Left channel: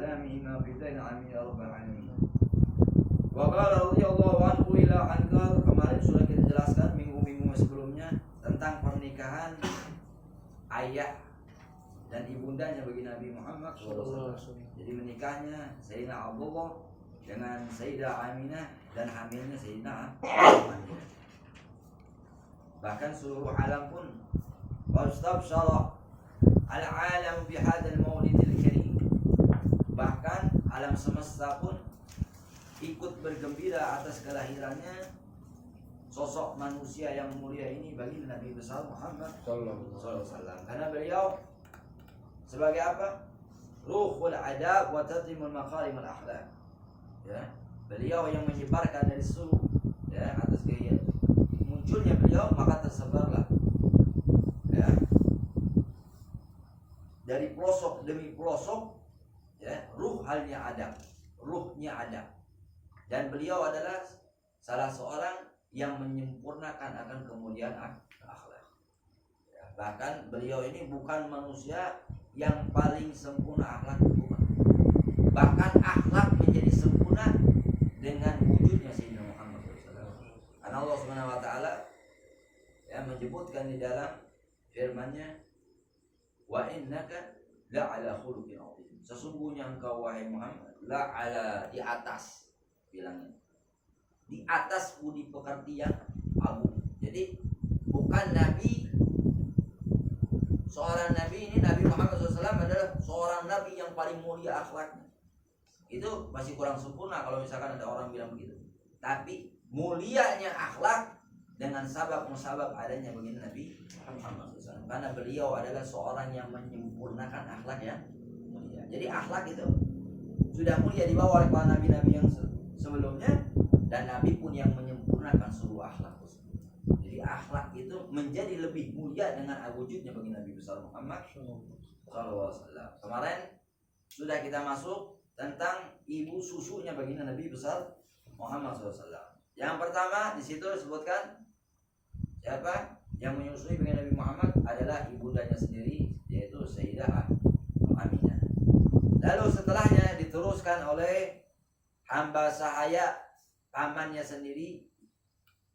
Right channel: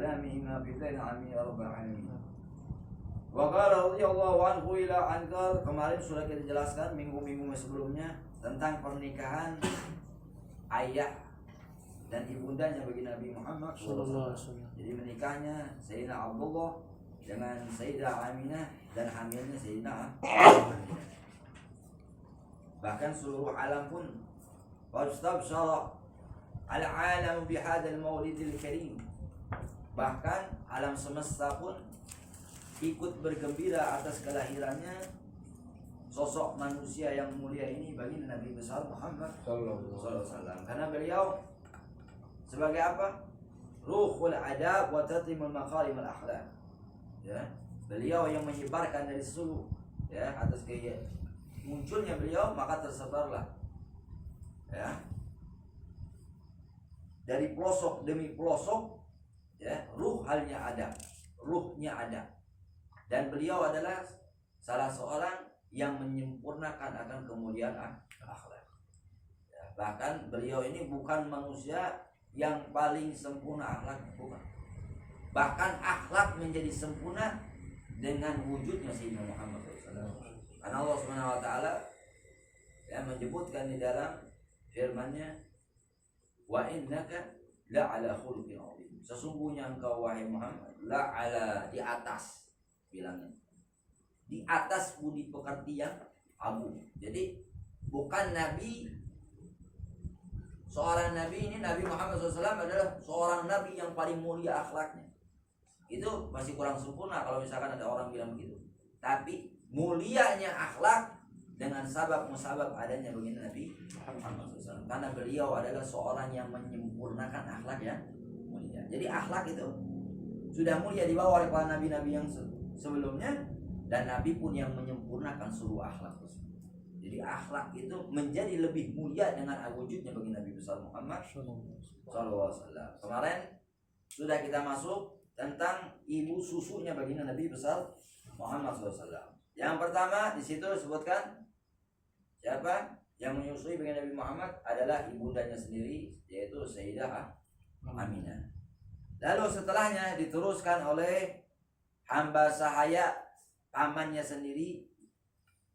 kalamihima fi dzalika amin ya rabbal alamin. Wa qala radhiyallahu anhu ila ankar, kemarin sudah kita jelaskan minggu-minggu sebelumnya tentang pernikahan ayah dan ibundanya bagi Nabi Muhammad SAW. Jadi menikahnya Sayyidina Abdullah dengan Sayyidah Aminah dan hamilnya Sayyidina Aminah. Bahkan seluruh alam pun wastabsyara al-alam bihadzal maulidil karim. Bahkan alam semesta pun ikut bergembira atas kelahirannya sosok manusia yang mulia ini bagi Nabi besar Muhammad sallallahu alaihi wasallam. Karena beliau sebagai apa? Ruhul adab wa tatimul makarimul akhlak. Ya, beliau yang menyebarkan dari seluruh ya atas gaya munculnya beliau maka tersebarlah ya dari pelosok demi pelosok ya ruhnya adab. Dan beliau adalah salah seorang yang menyempurnakan akan kemuliaan akhlak. Ya, bahkan beliau ini bukan manusia yang paling sempurna akhlak, bukan. Bahkan akhlak menjadi sempurna dengan wujudnya Sayyidina Muhammad SAW. Karena Allah Subhanahu Wa Taala ya menyebutkan di dalam firman-Nya, wa innaka la'ala khuluqin 'azim. Sesungguhnya engkau wahai Muhammad la'ala, di atas, bilangnya di atas budi pekerti yang agung. Jadi bukan nabi, seorang nabi ini Nabi Muhammad SAW adalah seorang nabi yang paling mulia akhlaknya. Itu masih kurang sempurna kalau misalkan ada orang bilang begitu. Tapi mulianya akhlak dengan sabab musabab adanya begini Nabi Muhammad SAW. Karena beliau adalah seorang yang menyempurnakan akhlak yang mulia. Jadi akhlak itu sudah mulia dibawa oleh para nabi-nabi yang sebelumnya, dan Nabi pun yang menyempurnakan seluruh akhlak tersebut. Jadi akhlak itu menjadi lebih mulia dengan wujudnya bagi Nabi besar Muhammad SAW. Kemarin sudah kita masuk tentang ibu susunya bagi Nabi besar Muhammad SAW. Yang pertama di situ disebutkan siapa yang menyusui bagi Nabi Muhammad adalah ibundanya sendiri, yaitu Sayyidah Aminah. Lalu setelahnya diteruskan oleh hamba sahaya pamannya sendiri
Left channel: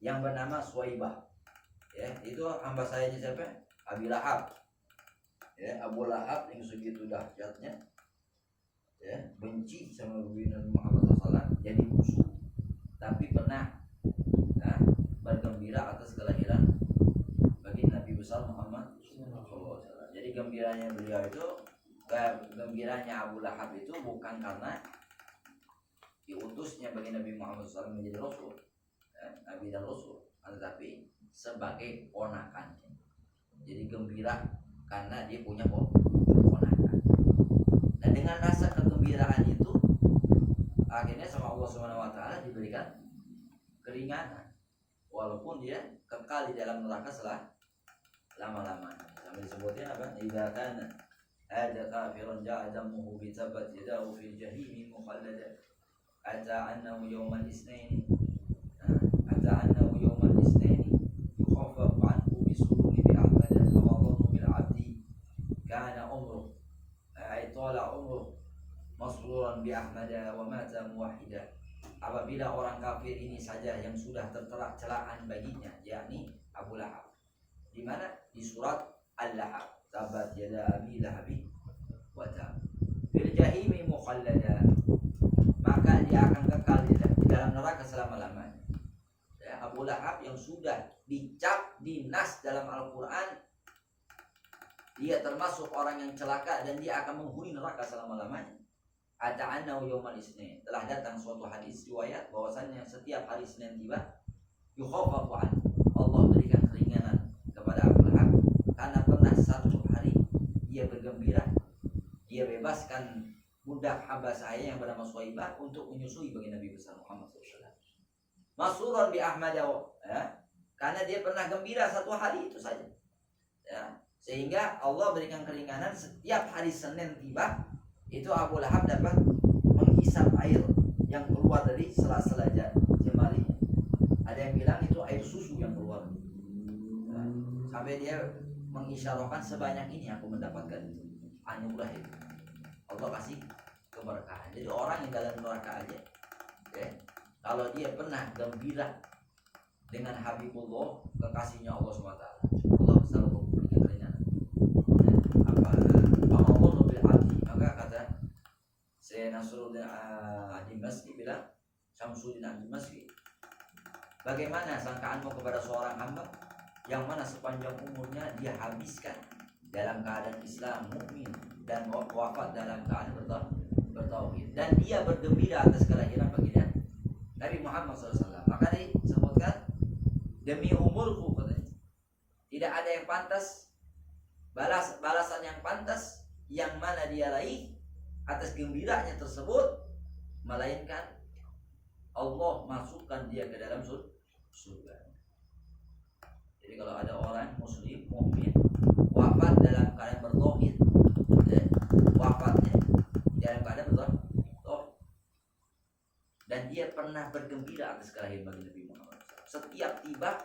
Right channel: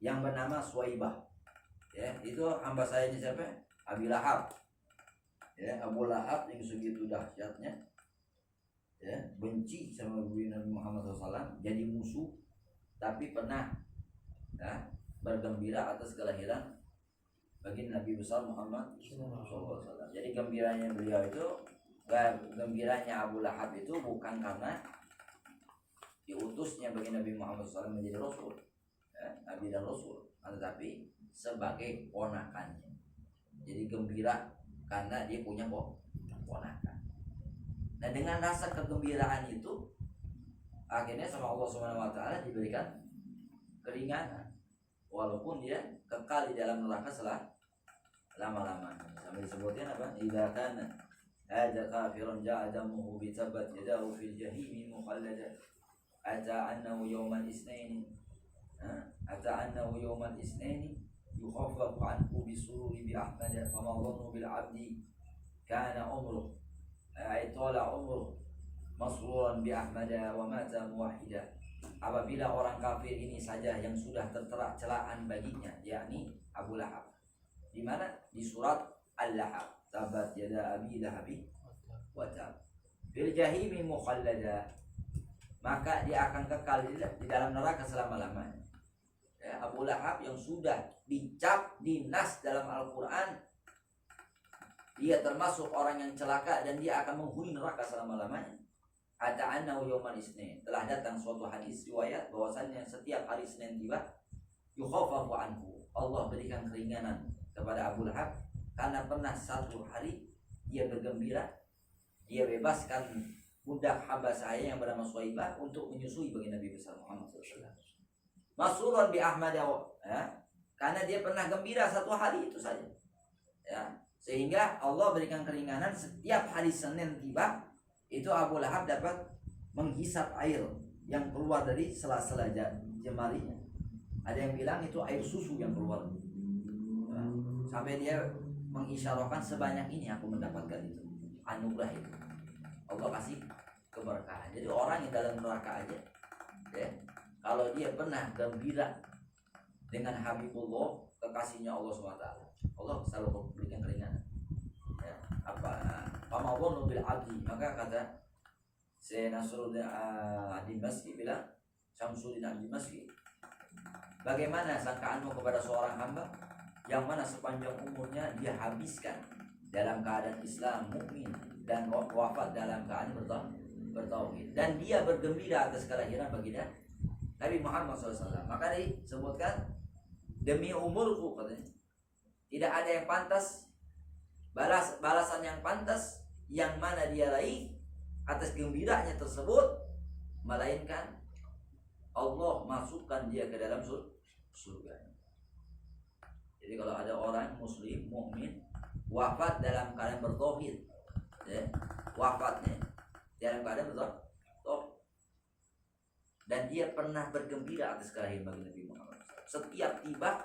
yang bernama Suwaibah. Ya, itu hamba sahayanya siapa? Abi Lahab. Ya, Abu Lahab yang segitu dahsyatnya. Ya, benci sama Nabi Muhammad SAW, jadi musuh, tapi pernah ya, bergembira atas kelahiran bagi Nabi besar Muhammad SAW. Jadi gembiranya beliau itu, gembiranya Abu Lahab itu bukan karena diutusnya bagi Nabi Muhammad SAW menjadi Rasul, ya, Nabi dan Rasul, tetapi sebagai ponakannya. Jadi gembira karena dia punya ponakan. Dan dengan rasa kegembiraan itu, akhirnya sama Allah Subhanahu Wa Taala diberikan keringanan, walaupun dia kekal di dalam neraka selama-lamanya. Sampai disebutnya apa? Idza kana hadza kafirun ja'adamuhu bi tabat yadahu fil jahimi mukhallada. Ata annahu yawmal isnaini yukhaffafu anhu bisururi bi ahmada fama dhannu bil abdi kana umruh ay tala umruh masruran bi ahmada wa mata muwahhida. Apabila orang kafir ini saja yang sudah tertera celaan baginya, yakni Abu Lahab, di mana? Di surat Al-Lahab, tabat yada abi lahabi wa tab fil jahimi mukhallada, maka dia akan kekal di dalam neraka selama-lamanya. Ya, Abu Lahab yang sudah dicap di nas dalam Al-Quran, dia termasuk orang yang celaka dan dia akan menghuni neraka selama-lamanya. Ata'annahu yawmal isnin, telah datang suatu hadis riwayat bahwasanya setiap hari Senin tiba, yukhaffafu anhu, Allah berikan keringanan kepada Abu Lahab karena pernah satu hari dia bergembira, dia bebaskan budak hamba saya yang bernama Suwaibah untuk menyusui bagi Nabi besar Muhammad SAW. Masruran bi Ahmad, ya, karena dia pernah gembira satu hari itu saja. Ya, sehingga Allah berikan keringanan setiap hari Senin tiba, itu Abu Lahab dapat menghisap air yang keluar dari sela-sela jemarinya. Ada yang bilang itu air susu yang keluar. Ya, sampai dia mengisyarahkan sebanyak ini aku mendapatkan itu, anugerah itu. Allah kasih keberkahan. Jadi orang yang dalam neraka aja, ya, kalau dia pernah gembira dengan Habibullah, kekasihnya Allah SWT, Allah selalu memberikan keringanan. Ya, apa Pamawon bil abdi, maka kata Syekh Nasruddin Ad-Dimashqi bilang, Syamsuddin Ad-Dimashqi, bagaimana sangkaanmu kepada seorang hamba yang mana sepanjang umurnya dia habiskan dalam keadaan Islam, mukmin, dan wafat dalam keadaan bertauhid, dan dia bergembira atas kelahiran baginda Nabi Muhammad SAW. Maka disebutkan, demi umurku, katanya, tidak ada yang pantas balasan yang pantas yang mana dia raih atas gembiranya tersebut, melainkan Allah masukkan dia ke dalam surga. Jadi kalau ada orang muslim, mukmin, wafat dalam keadaan bertauhid, ya, wafatnya dalam keadaan bertauhid, dan dia pernah bergembira atas kelahiran baginda Nabi Muhammad. Setiap tiba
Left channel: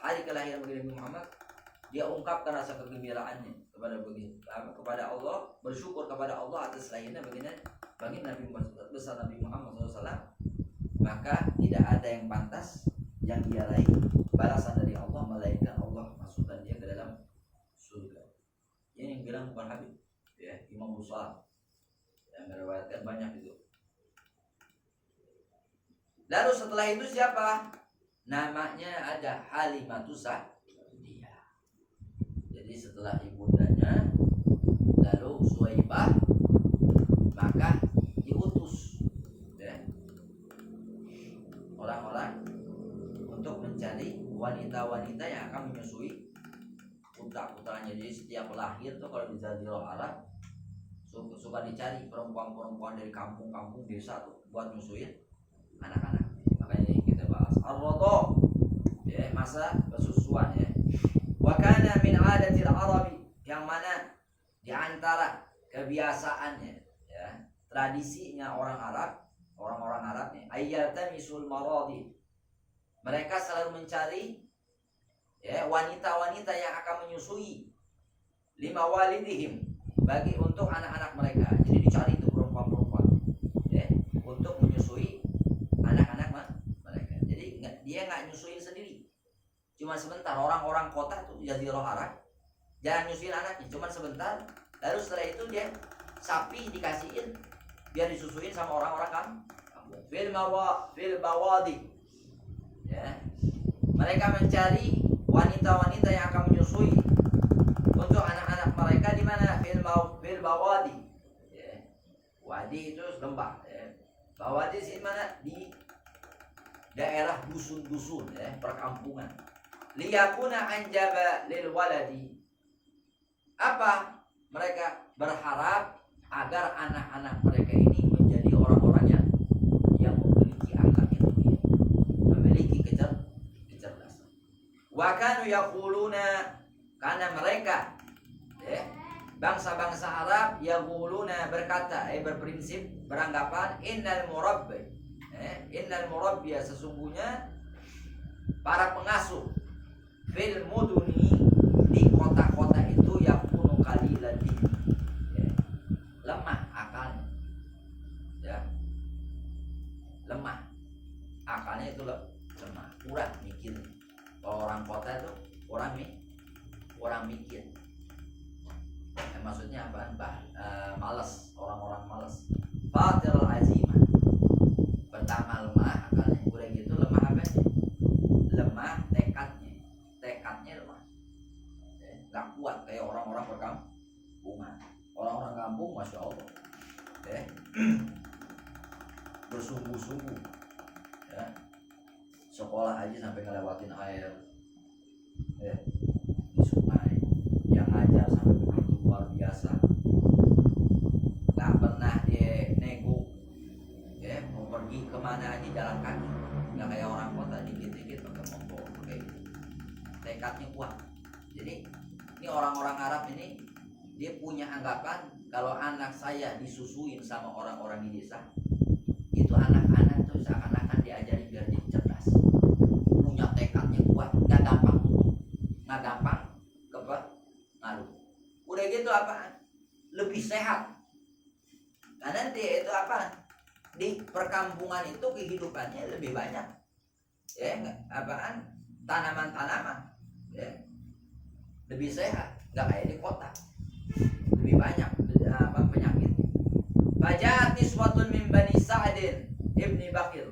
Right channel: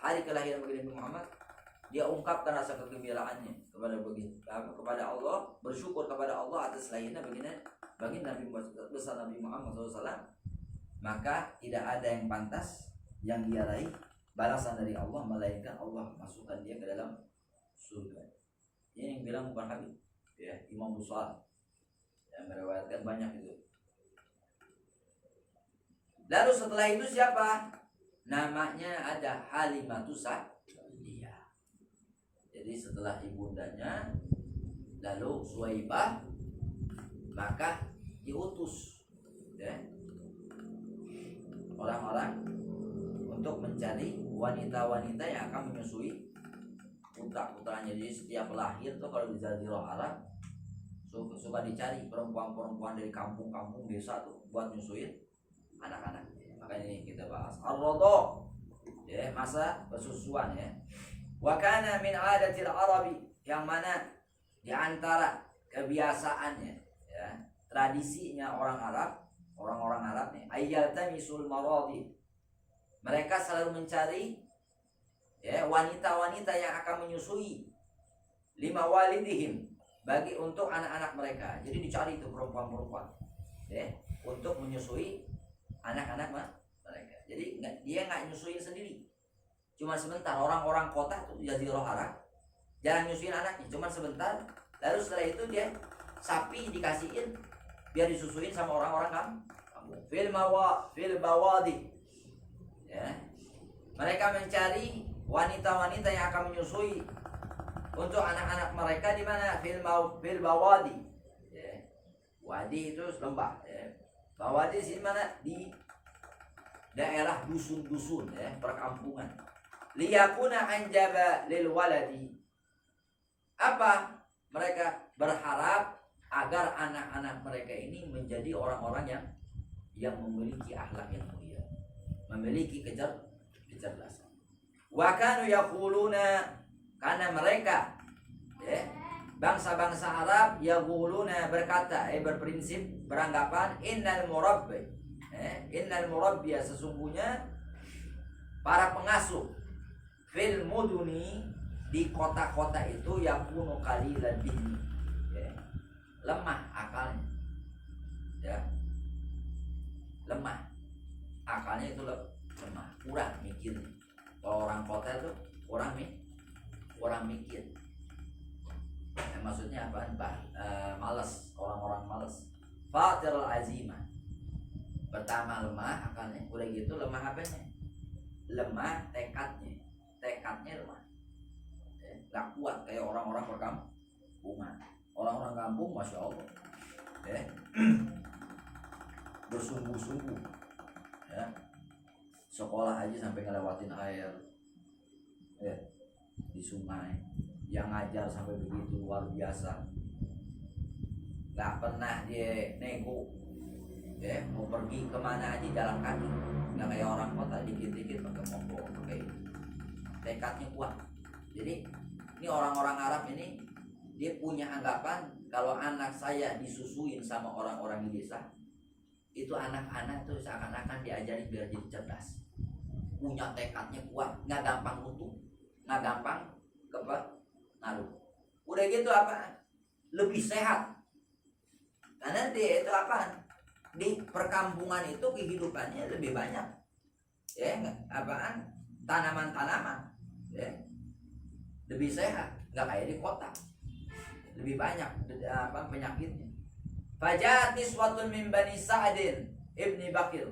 hari kelahiran baginda Nabi Muhammad, dia ungkapkan rasa kegembiraannya kepada Allah, bersyukur kepada Allah atas lahirnya baginda Nabi besar Nabi Muhammad SAW. Maka tidak ada yang pantas yang dia raih balasan dari Allah, melainkan Allah masukkan dia ke dalam surga. Ini yang bilang bukan Habib, ya, Imam Bukhari yang meriwayatkan banyak itu. Lalu setelah itu siapa? Namanya ada Halimatus Sa'diyah. Jadi setelah ibundanya, lalu Suwaibah, maka diutus, ya, orang-orang untuk mencari wanita-wanita yang akan menyusui putra-putranya. Jadi setiap lahir tuh kalau di Jazirah Arab suka dicari perempuan-perempuan dari kampung-kampung desa tuh buat nyusuin anak-anak. Makanya ini kita bahas ar-radha, ya, masa persusuan, ya. Wa kana min adatil arabi, yang mana di antara kebiasaannya, ya, tradisinya orang-orang Arab nih, ayyaltamisul maradi, mereka selalu mencari, ya, wanita-wanita yang akan menyusui lima walidihim, bagi untuk anak-anak mereka. Jadi dicari itu perempuan-perempuan, ya, untuk menyusui anak-anak mereka. Jadi dia nggak nyusuin sendiri, cuma sebentar. Orang-orang kota tuh Jazirah Arab jarang nyusuin anaknya, cuma sebentar. Lalu setelah itu dia sapi dikasihin biar disusuin sama orang-orang kampung. Fil bawadi, ya, mereka mencari wanita-wanita yang akan menyusui untuk anak-anak mereka di mana? Fil bawadi, ya. Wadi itu lembah, ya. Bawadi di mana? Di daerah dusun-dusun, ya, perkampungan. Liyakuna anjaba lil waladi. Apa? Mereka berharap agar anak-anak mereka ini menjadi orang-orang yang memiliki akhlak yang mulia, memiliki kecerdasan. Wa kanu yaquluna, karena mereka, ya, bangsa-bangsa Arab, yaquluna, berkata, berprinsip, beranggapan, innal murabbiya, sesungguhnya para pengasuh, fil muduni, di kota-kota itu, yakunu qalilan dini, ya, lemah akalnya, ya, lemah akalnya itu lemah, kurang mikir. Kalau orang kota itu kurang mikir. Maksudnya apa? Malas, orang-orang malas. Fatirul azimah, pertama lemah akalnya, udah gitu lemah apanya? Lemah tekadnya lemah, ya, gak kuat kayak orang-orang perkampungan. Orang-orang kampung, masya Allah, ya, bersungguh-sungguh, ya, sekolah aja sampai ngelewatin air, ya, di sungai, yang ngajar sampai begitu luar biasa, nggak pernah dia nego, ya, mau pergi kemana aja jalan kaki, nggak kayak orang kota dikit-dikit pakai motor, pakai itu. Tekadnya kuat. Jadi ini orang-orang Arab ini, dia punya anggapan kalau anak saya disusuin sama orang-orang di desa, itu anak-anak tuh seakan-akan diajari biar jadi cerdas, punya tekadnya kuat, nggak gampang nutup, nggak gampang ngaruh. Udah gitu apa? Lebih sehat, karena nanti itu apa? Di perkampungan itu kehidupannya lebih banyak, ya nggak? Apaan? Tanaman-tanaman, ya, lebih sehat, nggak kayak di kota, lebih banyak apa penyakitnya. Fajat niswatun min bani Sa'din ibni Bakir.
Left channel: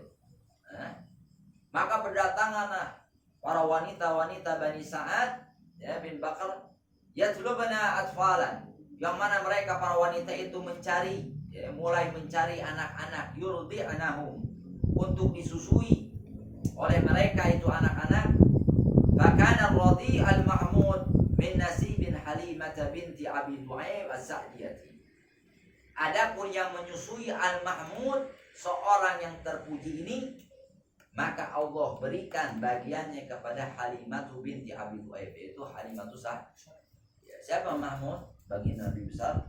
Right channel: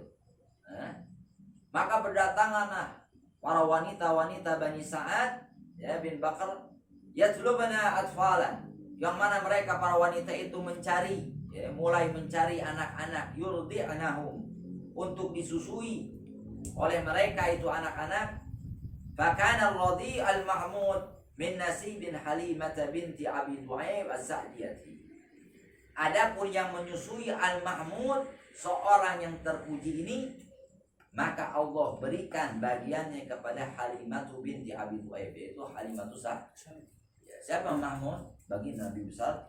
Maka berdatanganlah para wanita-wanita Bani Sa'ad ya bin Bakar yatlubna atfalan, yang mana mereka para wanita itu mencari ya, mulai mencari anak-anak yurdi'nahum, untuk disusui oleh mereka itu anak-anak. Fakana ar-radi al-mahmud min nasibin Halimah binti Abi Du'aib as-Sa'diyati. Adapun yang menyusui al-mahmud, seorang yang terpuji ini, maka Allah berikan bagiannya kepada Halimah binti Abi Du'aib, yaitu Halimah Sa'diyah. Siapa Mahmud? Bagi Nabi besar.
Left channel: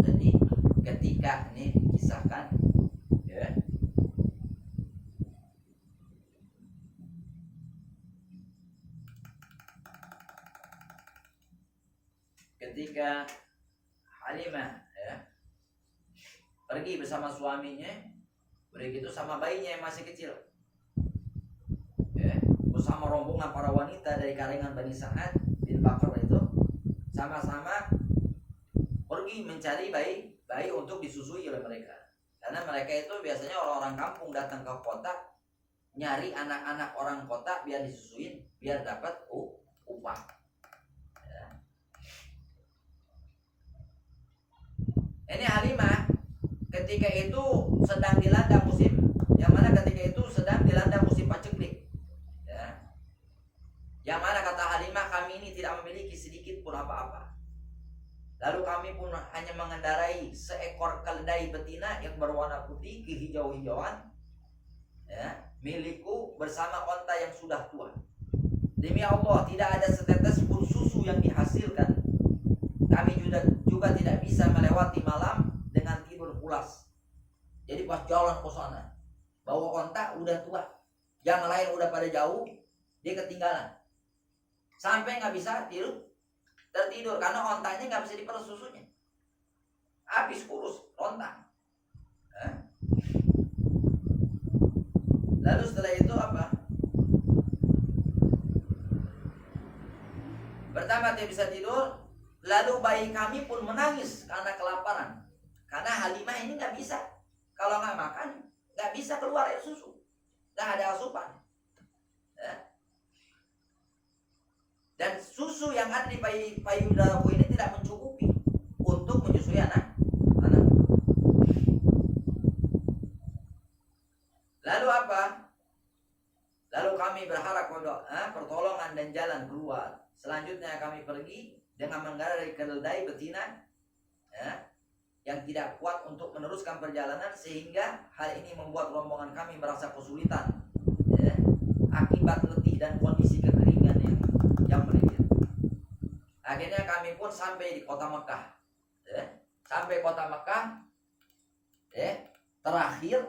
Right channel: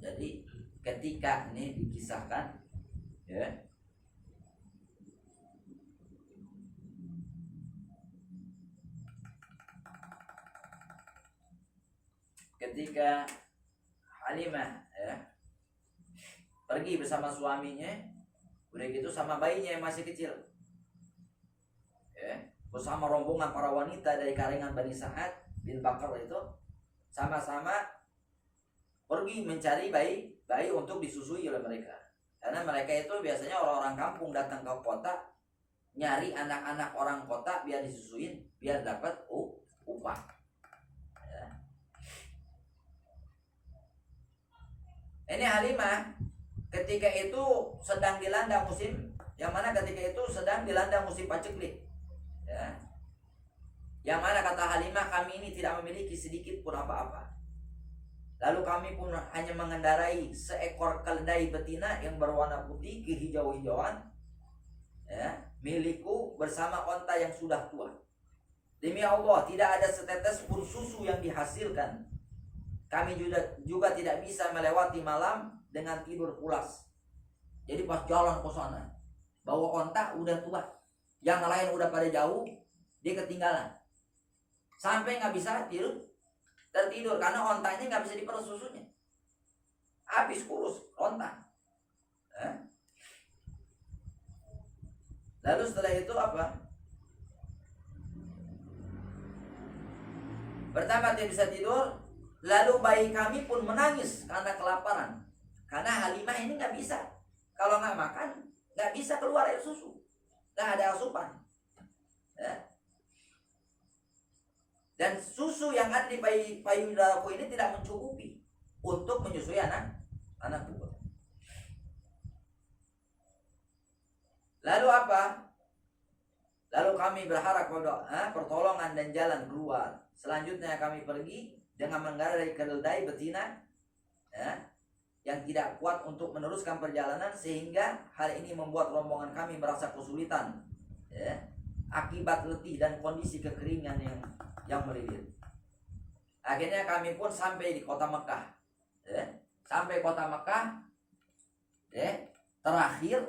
Jadi ketika ini dikisahkan ya, ketika Halimah ya pergi bersama suaminya, udah gitu sama bayinya yang masih kecil ya, bersama rombongan para wanita dari kalangan Bani Sa'ad bin Bakar itu, sama-sama pergi mencari bayi untuk disusui oleh mereka. Karena mereka itu biasanya orang-orang kampung datang ke kota nyari anak-anak orang kota biar disusuin, biar dapat upah ya. Ini Halimah ketika itu sedang dilanda musim, yang mana ketika itu sedang dilanda musim paceklik ya. Yang mana kata Halimah, kami ini tidak memiliki sedikit pun apa-apa. Lalu kami pun hanya mengendarai seekor keledai betina yang berwarna putih kehijau-hijauan ya, milikku bersama onta yang sudah tua. Demi Allah, tidak ada setetes pun susu yang dihasilkan. Kami juga tidak bisa melewati malam dengan tidur pulas. Jadi pas jalan ke sana, bawa onta udah tua, yang lain udah pada jauh, dia ketinggalan. Sampai nggak bisa tertidur karena ontanya nggak bisa diperus susunya, habis kurus onta. Lalu setelah itu apa? Pertama dia bisa tidur, lalu bayi kami pun menangis karena kelaparan. Karena Halimah ini nggak bisa, kalau nggak makan nggak bisa keluar air susu, nggak ada asupan. Dan susu yang ada di payudaraku ini tidak mencukupi untuk menyusui anak. Lalu apa? Lalu kami berharap pertolongan dan jalan keluar. Selanjutnya kami pergi dengan mengendarai keledai betina ya, yang tidak kuat untuk meneruskan perjalanan, sehingga hal ini membuat rombongan kami merasa kesulitan ya, akibat letih dan kondisi kekeringan yang melilit. Akhirnya kami pun sampai di kota Mekah ya. Sampai kota Mekah ya, terakhir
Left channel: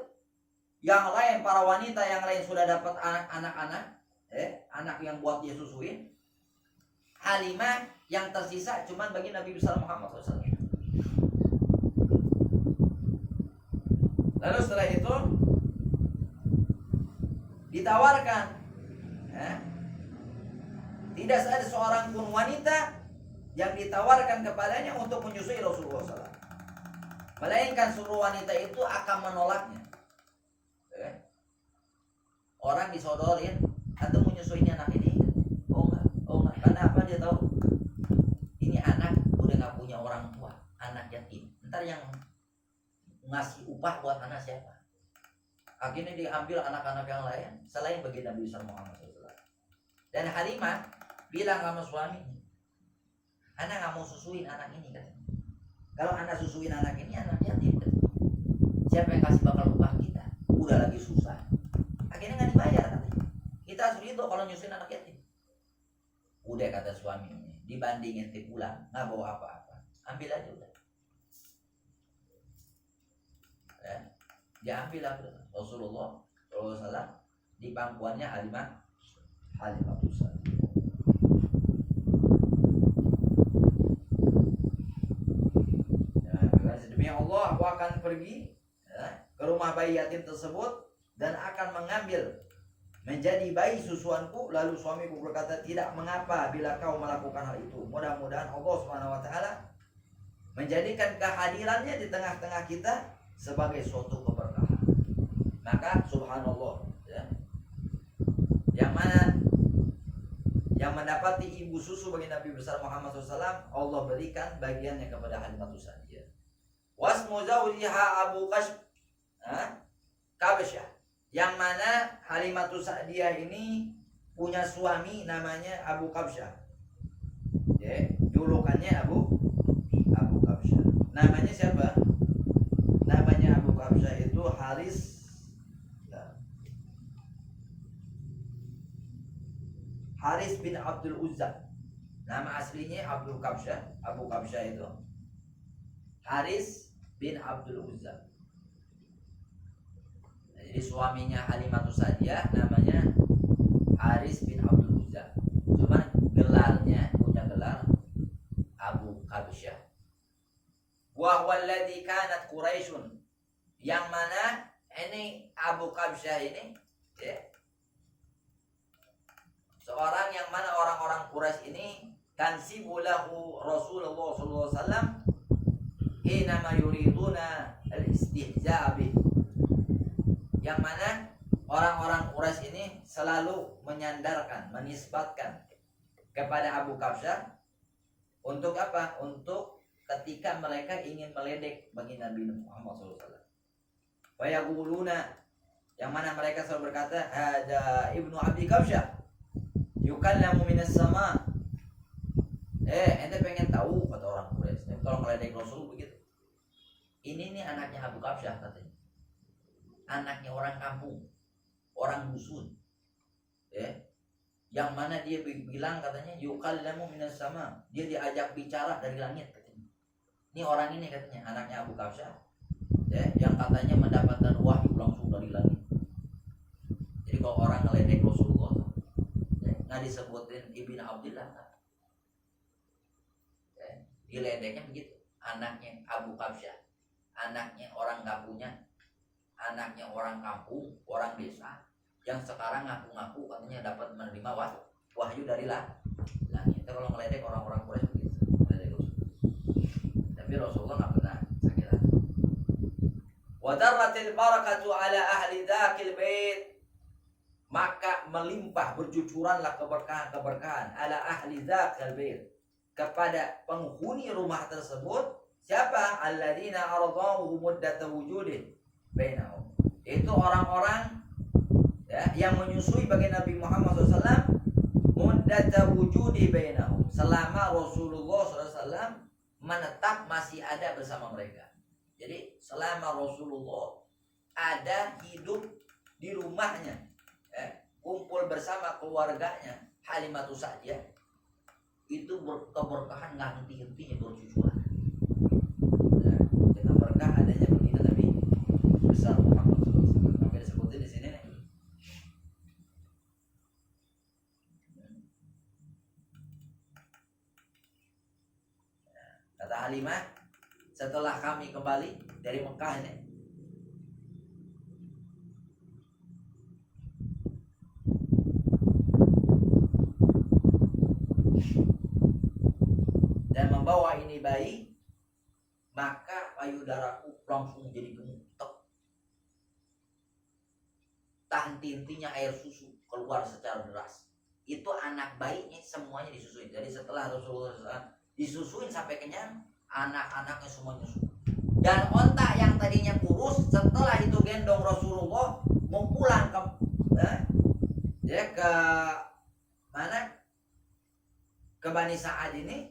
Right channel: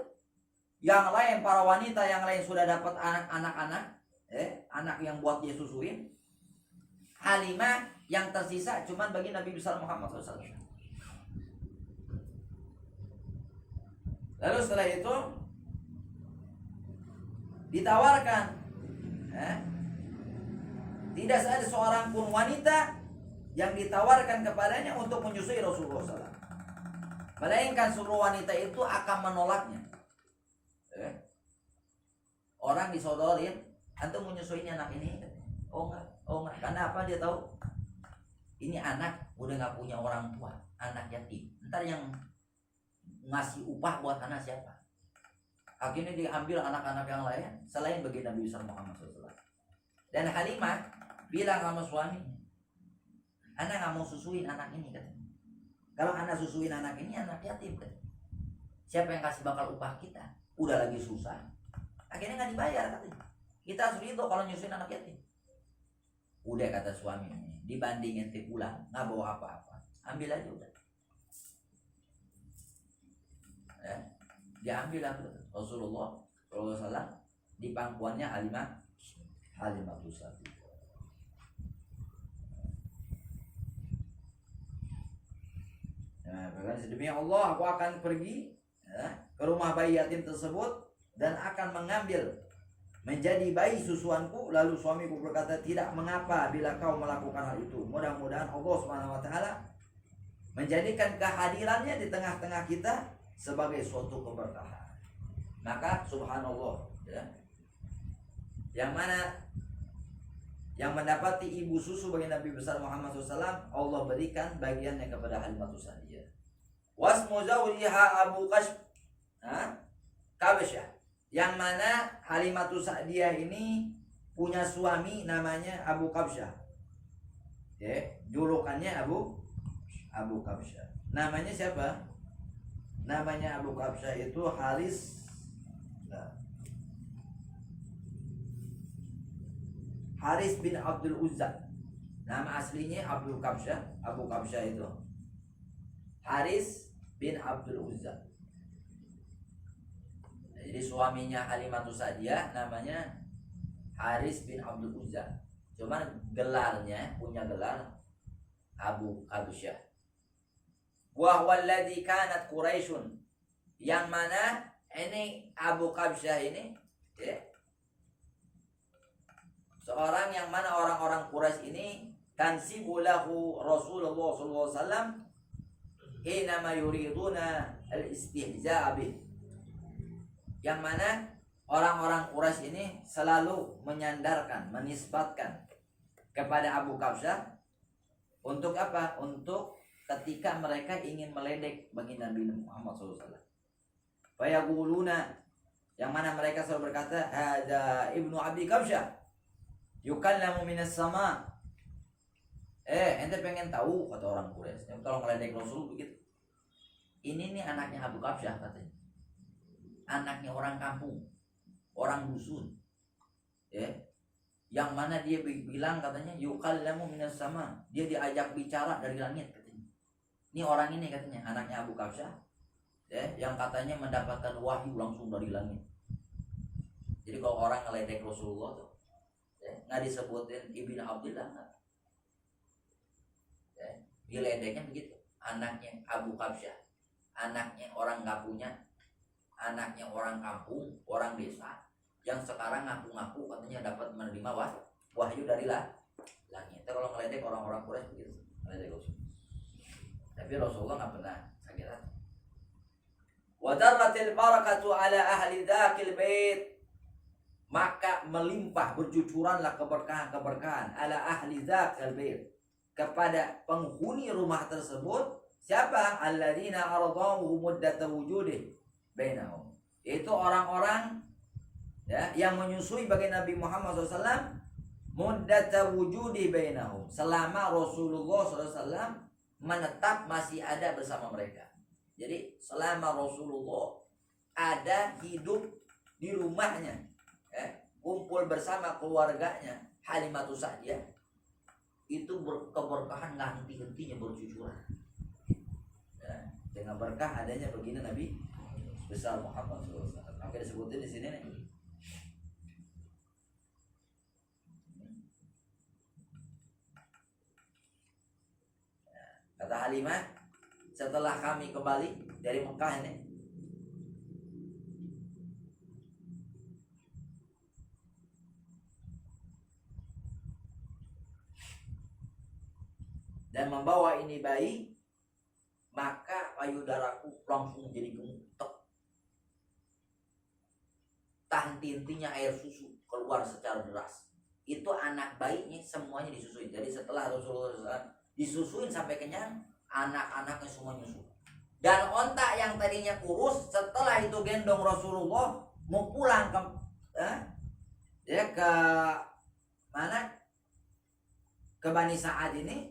yang lain, para wanita yang lain sudah dapat anak-anak ya, anak yang buat dia susuin. Halimah yang tersisa cuman bagi Nabi besar Muhammad SAW. Lalu setelah itu ditawarkan ya, tidak ada seorang pun wanita yang ditawarkan kepadanya untuk menyusui Rasulullah SAW, melainkan seluruh wanita itu akan menolaknya. Orang disodorin, antum menyusui anak ini? Oh enggak. Karena apa? Dia tahu ini anak udah nggak punya orang tua, anak yatim. Ntar yang ngasih upah buat anak siapa? Akhirnya diambil anak-anak yang lain selain bagi Nabi Muhammad SAW. Dan Halimah bilang sama suaminya, anak nggak mau susuin anak ini kan? Kalau anak susuin anak ini, anak yatim kan? Siapa yang kasih bakal upah kita? Udah lagi susah. Akhirnya nggak dibayar katanya. Kita harus ridho kalau nyusuin anak yatim. Udah kata suaminya, dibandingin ente pulang nggak bawa apa-apa, ambil aja udah. Ya, diambil Rasulullah SAW di pangkuannya Halimah Sa'diyah. Ya, demi Allah aku akan pergi ke rumah bayi yatim tersebut dan akan mengambil menjadi bayi susuanku. Lalu suamiku berkata, tidak mengapa bila kau melakukan hal itu. Mudah-mudahan Allah Subhanahu wa taala menjadikan kehadirannya di tengah-tengah kita sebagai suatu keberkahan. Maka subhanallah, ya, yang mana yang mendapati ibu susu bagi Nabi besar Muhammad SAW, Allah berikan bagiannya kepada Halimatus Sa'diyah. Wasmu zawjiha Abu Kabsyah, yang mana Halimatus Sa'diyah ini punya suami namanya Abu Kabsyah. Ya, julukannya Abu Kabsyah. Namanya siapa? Namanya Abu Kabsyah itu Haris bin Abdul Uzza. Nama aslinya Abu Kabsyah itu Haris bin Abdul Uzza. Jadi suaminya Halimatus Sa'diyah namanya Haris bin Abdul Uzza. Cuma gelarnya punya gelar Abu Kabsyah. Wa huwa alladhi kanat Quraisyun, yang mana ini Abu Kabsyah ini, ya, seorang yang mana orang-orang Quraisy ini tansibu lahu Rasulullah sallallahu alaihi wasallam inama yuriduna al-istihza' bih, yang mana orang-orang Quraisy ini selalu menyandarkan, menisbatkan kepada Abu Kabsyah untuk apa? Untuk ketika mereka ingin meledek bagi Nabi Muhammad SAW. Fayaquluna, yang mana mereka selalu berkata, ada ibnu Abi Kabsyah yukallamu minas sama. Ente pengen tahu, kata orang Quraisy, kalau meledek Rasul begitu. Ini nih anaknya Abu Kabsyah katanya. Anaknya orang kampung, orang dusun. Yang mana dia bilang katanya yukallamu minas sama, dia diajak bicara dari langit katanya. Ini orang ini katanya anaknya Abu Kabsyah, yang katanya mendapatkan wahyu langsung dari langit. Jadi kalau orang ngeledek Rasulullah tuh, nggak disebutin Ibnu Abdillah, diledeknya begitu. Anaknya Abu Kabsyah, anaknya orang kampungnya, anaknya orang kampung, orang desa, yang sekarang ngaku-ngaku katanya dapat menerima wahyu dari langit. Itu kalau ngeledek orang-orang Quraisy begitu, ngeledek Rasul. Tapi Rasulullah nggak pernah sakit hati. Wa darratil barakatu ala ahli dzakil bait, maka melimpah bercucuranlah keberkahan ala ahli dzakil bait, kepada penghuni rumah tersebut. Siapa? Alladzina ardahu muddata wujudih bainahum, itu orang-orang, ya, yang menyusui bagi Nabi Muhammad SAW muddata wujudi bainahum, selama Rasulullah SAW menetap masih ada bersama mereka. Jadi selama Rasulullah ada hidup di rumahnya, kumpul bersama keluarganya Halimatus Sa'diyah, itu keberkahan nggak henti-hentinya bercucuran, ya, dengan berkah adanya begini Nabi besar Muhammad SAW. Sampai disebutin di sini nih. Kata Halimah, setelah kami kembali dari Mekah ini, dan membawa ini bayi, maka payudaraku langsung jadi gemutek. Tak henti-hentinya air susu keluar secara deras. Itu anak bayinya semuanya disusuin. Jadi setelah Rasulullah SAW disusuin sampai kenyang, anak-anaknya semua nyusu. Dan onta yang tadinya kurus, setelah itu gendong Rasulullah mau pulang ke ke mana? Ke Bani Sa'ad ini,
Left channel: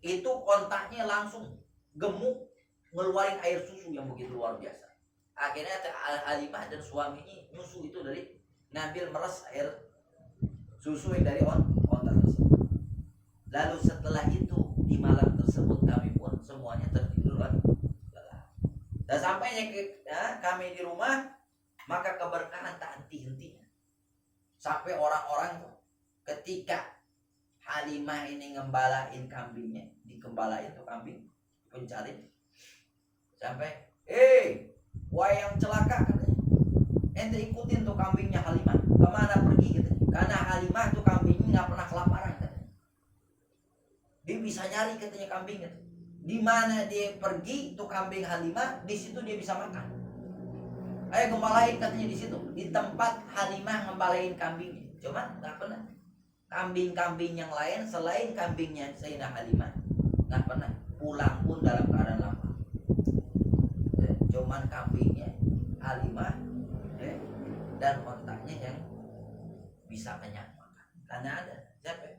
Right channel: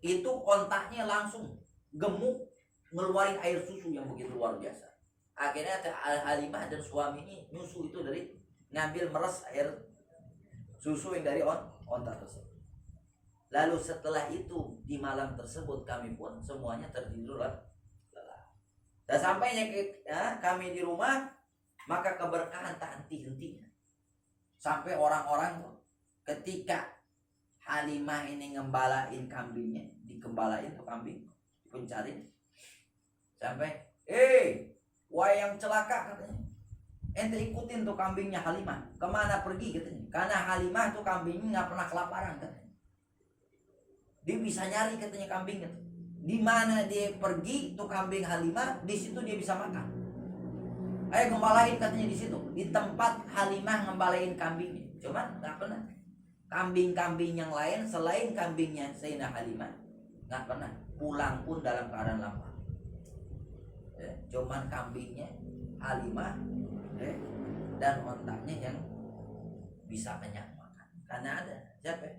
itu ontaknya langsung gemuk, ngeluarin air susu yang begitu luar biasa. Akhirnya Halimah dan suaminya nyusu itu dari ngambil meres air susu yang dari onta tersebut. Lalu setelah itu di malam tersebut kami pun semuanya tertidur lelah. Dan sampainya kami di rumah, maka keberkahan tak henti-hentinya. Sampai orang-orang ketika Halimah ini ngembalain kambingnya, dikembalain tuh kambing, pencari, Sampai wayang celaka katanya, ente ikutin tuh kambingnya Halimah, kemana pergi katanya, karena Halimah tuh kambingnya nggak pernah kelaparan katanya, dia bisa nyari katanya kambingnya tuh. Di mana dia pergi tuh kambing Halimah, di situ dia bisa makan. Ayo gembalain katanya di situ, di tempat Halimah ngembalain kambingnya. Cuman nggak pernah kambing-kambing yang lain selain kambingnya Sayyidah Halimah nggak pernah pulang pun dalam keadaan lapar. Cuman kambingnya Halimah dan ontaknya yang bisa kenyang makan. Karena ada siapa?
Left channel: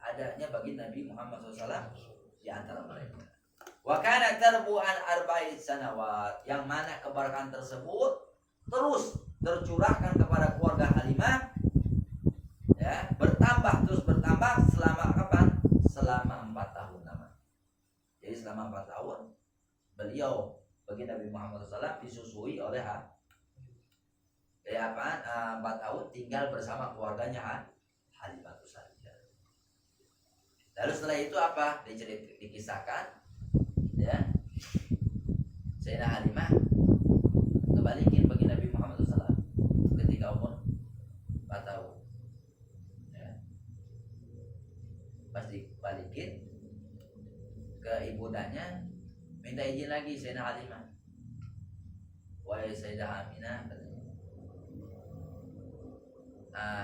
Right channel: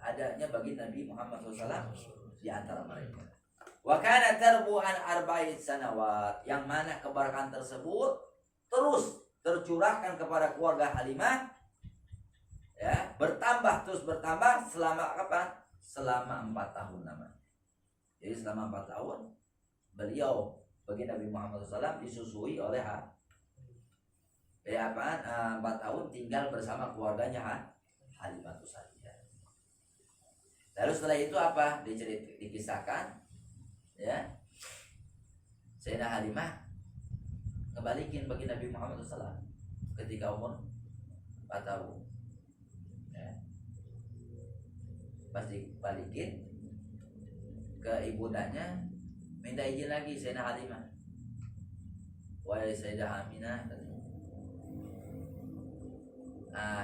Adanya bagi Nabi Muhammad SAW di antara mereka. Wa kana tarbu an arba'in sanawat, yang mana keberkahan tersebut terus tercurahkan kepada keluarga Halimah, ya, bertambah terus bertambah selama kapan? Selama 4 tahun namanya. Jadi selama 4 tahun beliau bagi Nabi Muhammad SAW disusui oleh 4 tahun tinggal bersama keluarganya Halimah itu saja. Lalu setelah itu apa? Dikisahkan, ya, Sayyidah Halimah kebalikin bagi Nabi Muhammad SAW ketika umur 4 tahun. Ya. Pas dibalikin ke ibundanya, minta izin lagi Sayyidah Halimah. Wahai Sayyidah Aminah, katanya,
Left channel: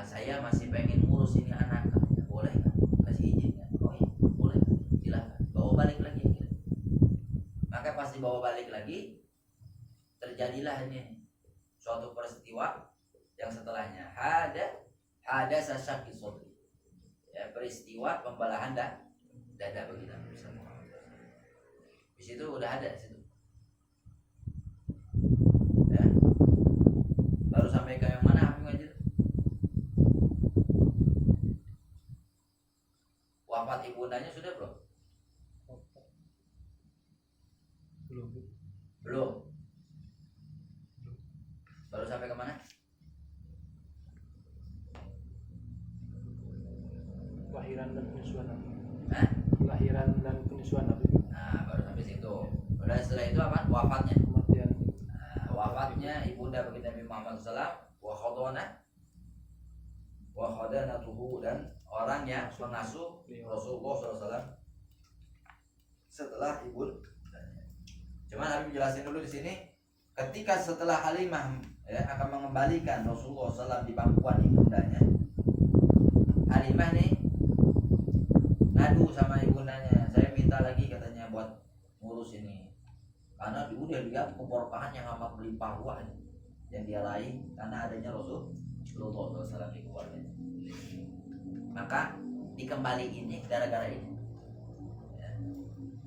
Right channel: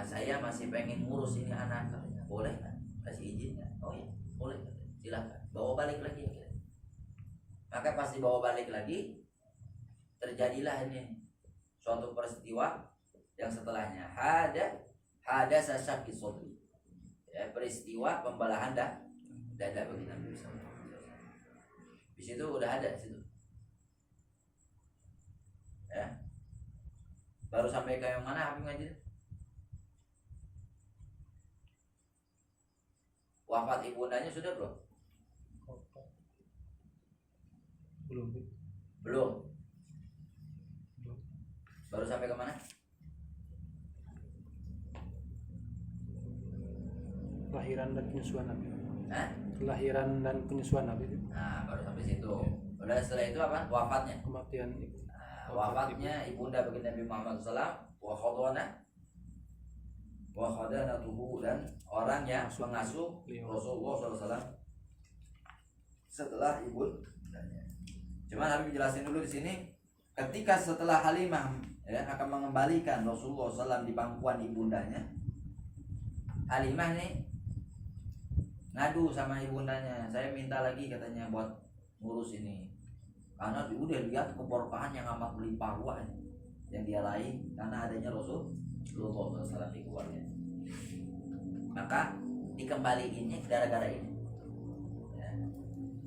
saya masih pengen ngurus ini anak, katanya. Boleh kan? Kasih izin kan? Oh iya, boleh, silakan. Bawa balik lagi. Maka pas dibawa balik lagi, terjadilah ini suatu peristiwa yang setelahnya ada sasyaki sodri, ya, peristiwa pembelahan dada bagi Nabi Muhammad. Di situ udah ada situ. Ya. Baru sampai ke yang mana Habib ngaji? Wafat ibundanya sudah belum? Belum. Baru sampai ke mana? Kelahiran dan penyusuan Nabi. Hah? Kelahiran dan penyusuan Nabi. Nah, baru sampai situ. Udah setelah itu apa? Wafatnya. Kematian. Wafatnya ibunda bagi Nabi Muhammad SAW, wa khadanatuhu, dan orang yang mengasuh Rasulullah SAW setelah ibundanya. Cuman Nabi jelasin dulu di sini, ketika setelah Halimah, ya, akan mengembalikan Rasulullah SAW di pangkuan ibundanya, Halimah nih ngadu sama ibundanya, saya minta lagi katanya buat ngurus ini, karena dia udah lihat keberkahan yang amat melimpah ruah yang dia raih karena adanya Rasulullah SAW di keluarganya. Maka dikembaliin ini gara-gara ini. Ya.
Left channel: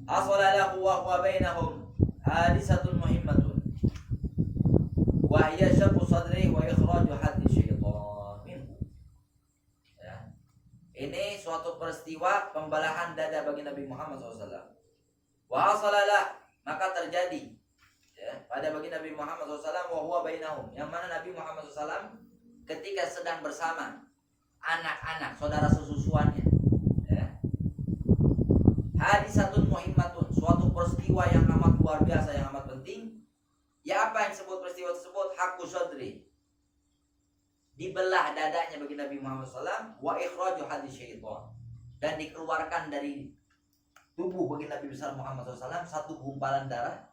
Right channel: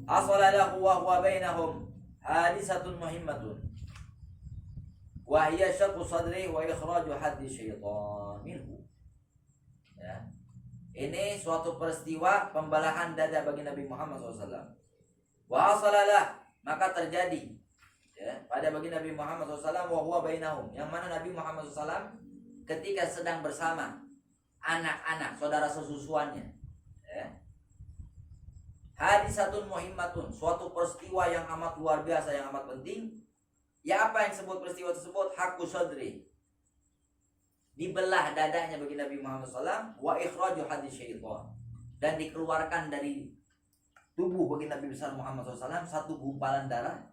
Asalalahu wa huwa bainahum hadisatun muhimmatun wa hiya syaqu sadri wa ikhraju haddi syaitan minhu. Ya. Ini suatu peristiwa pembelahan dada bagi Nabi Muhammad SAW. Wa asalalah, maka terjadi, ya, pada bagi Nabi Muhammad SAW wa huwa bainahum, yang mana Nabi Muhammad SAW ketika sedang bersama anak-anak saudara sesusuannya, ya, hadisatun muhimmatun, suatu peristiwa yang amat luar biasa, yang amat penting. Ya, apa yang disebut peristiwa tersebut? Haqqu sadri, dibelah dadanya bagi Nabi Muhammad SAW, wa ikhraju hadis syaitan, dan dikeluarkan dari tubuh bagi Nabi besar Muhammad SAW satu gumpalan darah,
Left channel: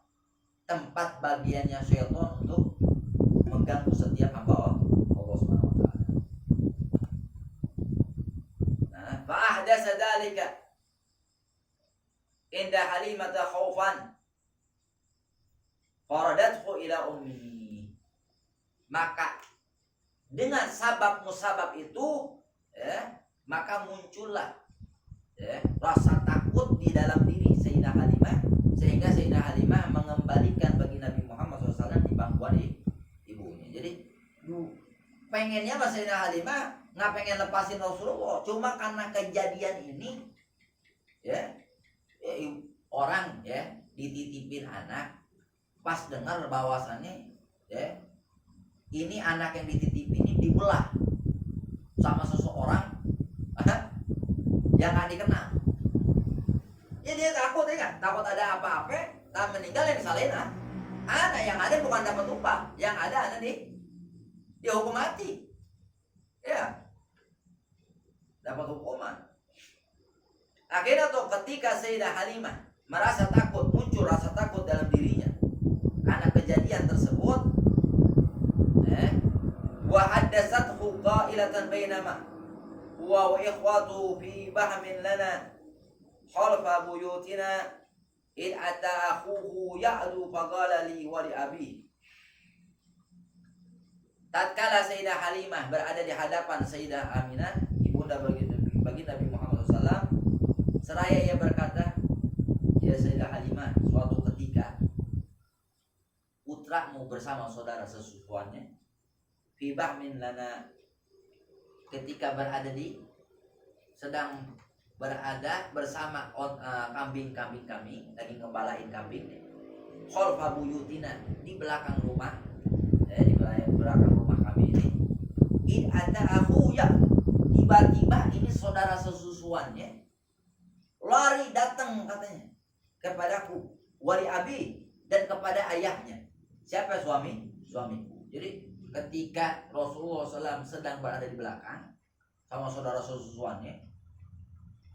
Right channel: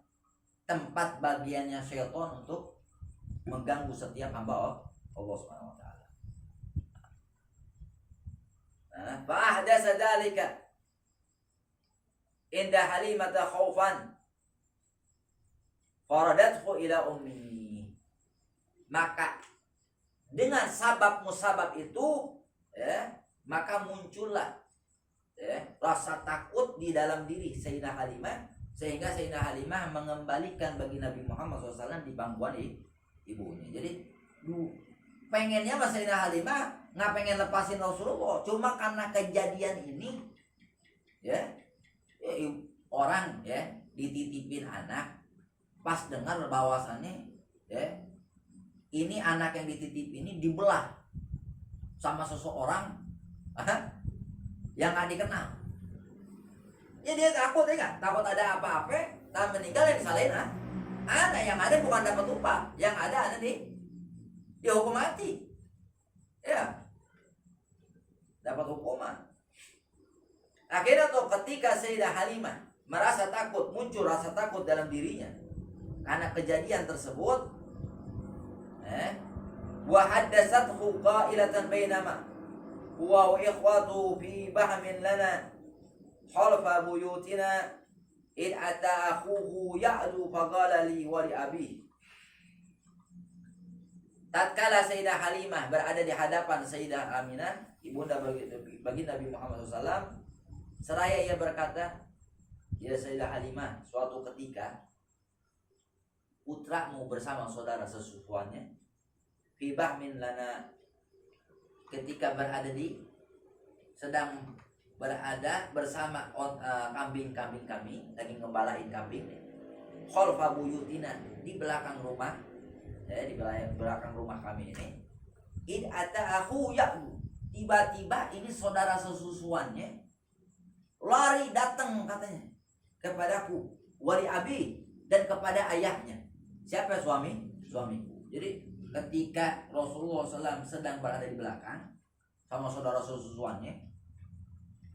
tempat bagiannya syaitan untuk mengganggu setiap hamba Allah Subhanahu wa taala. Nah, fa ahdasa dzalika inda Halimah khaufan faradathu ila ummi. Maka dengan sabab musabab itu, ya, maka muncullah, ya, rasa takut di dalam diri Sayyidah Halimah, sehingga Sayyidah Halimah mengembalikan bagi Nabi Muhammad SAW di pangkuan ibunya. Jadi pengennya Sayyidah Halimah nggak pengen lepasin Rasulullah, cuma karena kejadian ini, ya, orang, ya, dititipin anak, pas dengar bahwasannya, ya, ini anak yang dititipin ini dibelah sama seseorang yang nggak dikenal. Ya dia takut ya kan? Takut ada apa-apa, tak meninggal yang disalahin anak yang ada bukan dapat upah, yang ada anak dihukum mati. Ya, dapat hukuman. Akhirnya tuh ketika Sayyidah Halimah merasa takut, muncul rasa takut dalam dirinya karena kejadian tersebut, wa haddatsathu qailatan bainama huwa wa ikhwatu fi bahmin lana khalfa buyutina id ata akhuhu ya'du faqala li wa li abi. Tatkala Sayyidah Halimah berada di hadapan Sayyidah Aminah, ibunda bagi Nabi Muhammad SAW, seraya ia berkata, ya Sayyidah Halimah, suatu ketika putramu bersama saudara sesukuannya fi bahmin lana, ketika sedang berada bersama kambing-kambing kami, lagi ngembalain kambing khalfa buyutina, di belakang rumah, di belakang rumah kami ini. Id ada aku ya, tiba-tiba ini saudara sesusuannya lari datang katanya kepadaku, wali abi, dan kepada ayahnya. Siapa? Suamiku. Jadi ketika Rasulullah SAW sedang berada di belakang sama saudara sesusuannya,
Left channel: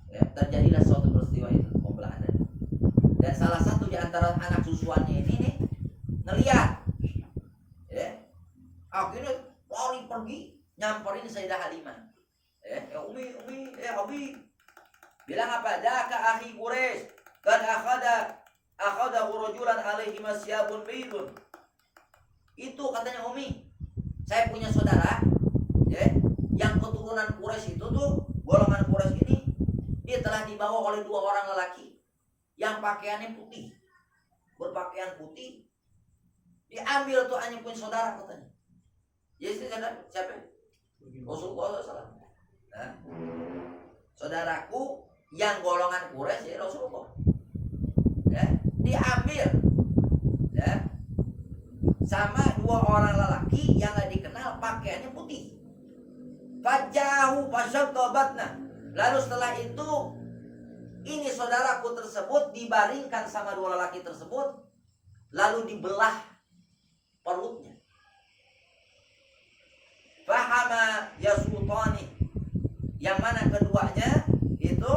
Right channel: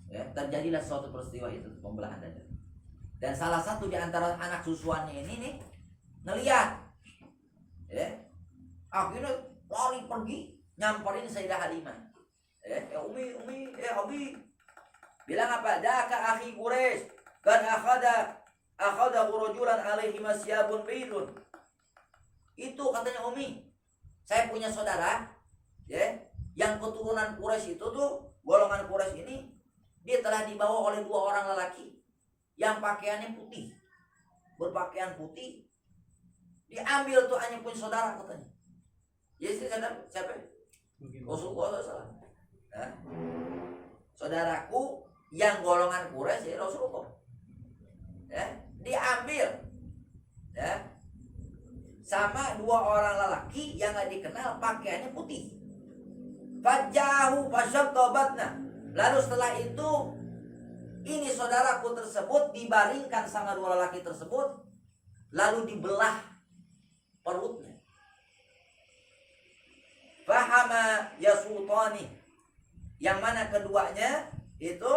ya, terjadilah suatu peristiwa itu, pembelahan dada. Dan salah satu di antara anak susuannya ini nih ngeliat, ya, akhirnya lari pergi nyamperin Sayyidah Halimah. Umi, Abi, bilang apa? Daka akhi Quraisy, kad akhada rajulan alaihi masyabun baydun. Itu katanya Umi, saya punya saudara, ya, yang keturunan Quraisy itu tuh, golongan Quraisy ini, dia telah dibawa oleh 2 orang lelaki yang pakaiannya putih, berpakaian putih, diambil tuh hanya punya saudara katanya. Jadi siapa? Rasulullah SAW. Saudaraku yang golongan Quraisy, ya Rasulullah, ya, diambil, ya, sama 2 orang lelaki yang gak dikenal, pakaiannya putih. Fajahu fasyaqabatna. Lalu setelah itu, ini saudaraku tersebut dibaringkan sama 2 lelaki tersebut, lalu dibelah perutnya. Fahama yasutani, yang mana keduanya itu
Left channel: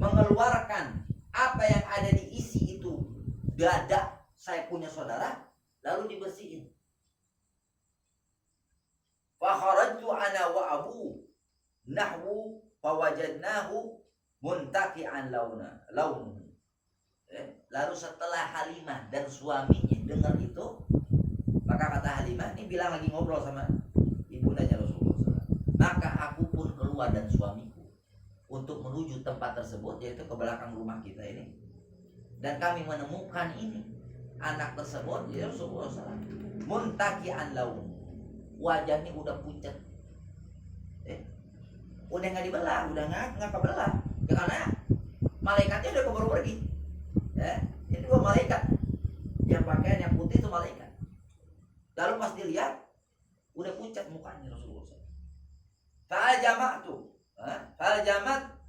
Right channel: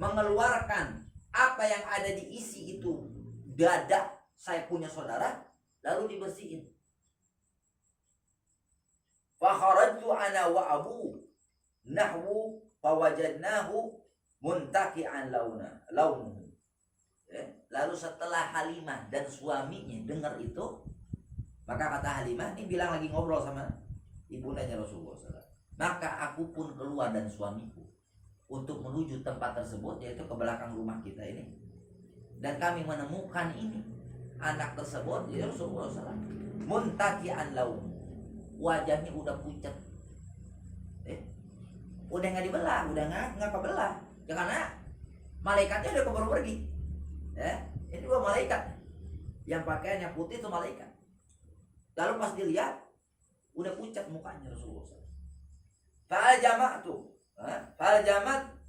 mengeluarkan apa yang ada di isi itu dada saya punya saudara, lalu dibersihin. Fakharajtu ana wa abu nahwu fawajadnahu muntaki'an launuhu. Lalu setelah Halimah dan suaminya dengar itu, maka kata Halimah, ini bilang lagi ngobrol sama ibundanya Rasulullah SAW, maka aku pun keluar dan suamiku untuk menuju tempat tersebut, yaitu ke belakang rumah kita ini, dan kami menemukan ini anak tersebut, ya Rasulullah SAW, muntaki'an laun, wajahnya udah pucat, udah nggak dibelah, udah nggak kebelah, ya, karena malaikatnya udah keburu pergi, ya. Ini 2 malaikat yang pakaiannya putih itu malaikat. Lalu pas dilihat udah pucat mukanya Rasulullah SAW.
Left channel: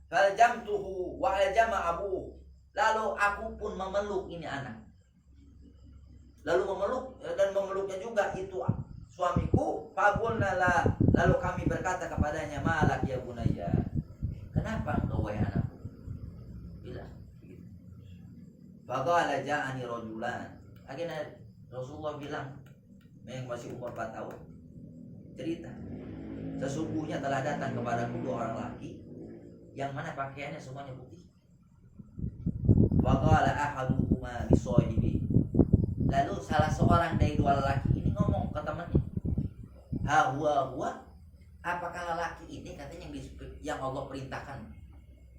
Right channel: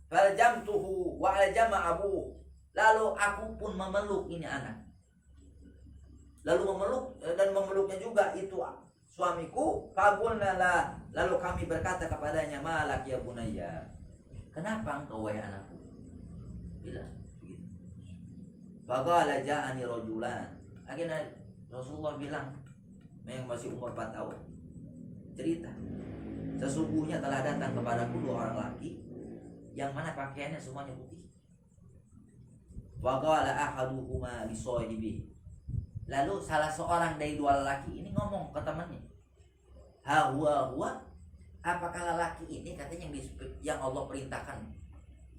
Faljamtuhu wa aljama abuhu. Lalu aku pun memeluk ini anak. Lalu memeluknya juga itu suamiku. Faqulna, lalu kami berkata kepadanya, malak ya bunayya, kenapa engkau wahai anakku? Bilang begitu. Faqala ja'ani rajulan. Akhirnya Rasulullah bilang, yang masih umur 4 tahun, cerita, sesungguhnya telah datang kepadaku 2 orang laki yang mana pakaiannya semuanya putih. Faqala ahaduhuma lisahibi. Lalu salah seorang dari 2 lelaki ini ngomong ke temannya, huwa, apakah lelaki ini katanya yang Allah perintahkan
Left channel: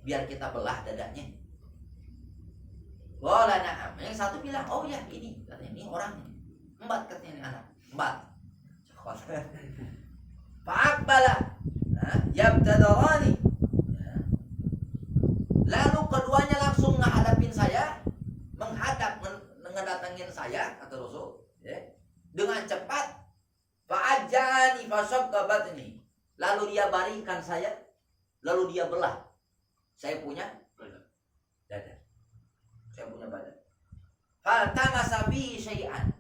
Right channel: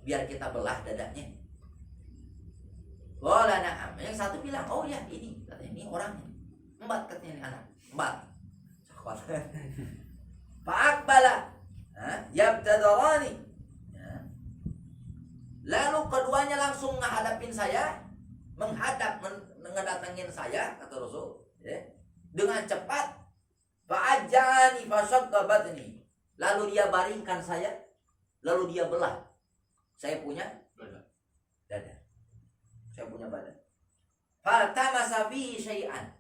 biar kita belah dadanya? Qala na'am. Yang satu bilang, oh ya ini, katanya ini orangnya. Embat katanya ini anak, embat. Fa'aqbala yabtadarani. Lalu keduanya langsung menghadapin saya, mendatangin saya, kata Rasul, ya, dengan cepat. Fa'ajani fasaqabatni. Lalu dia baringkan saya, lalu dia belah saya punya dada. saya punya badan. Faltamasa bihi syai'an.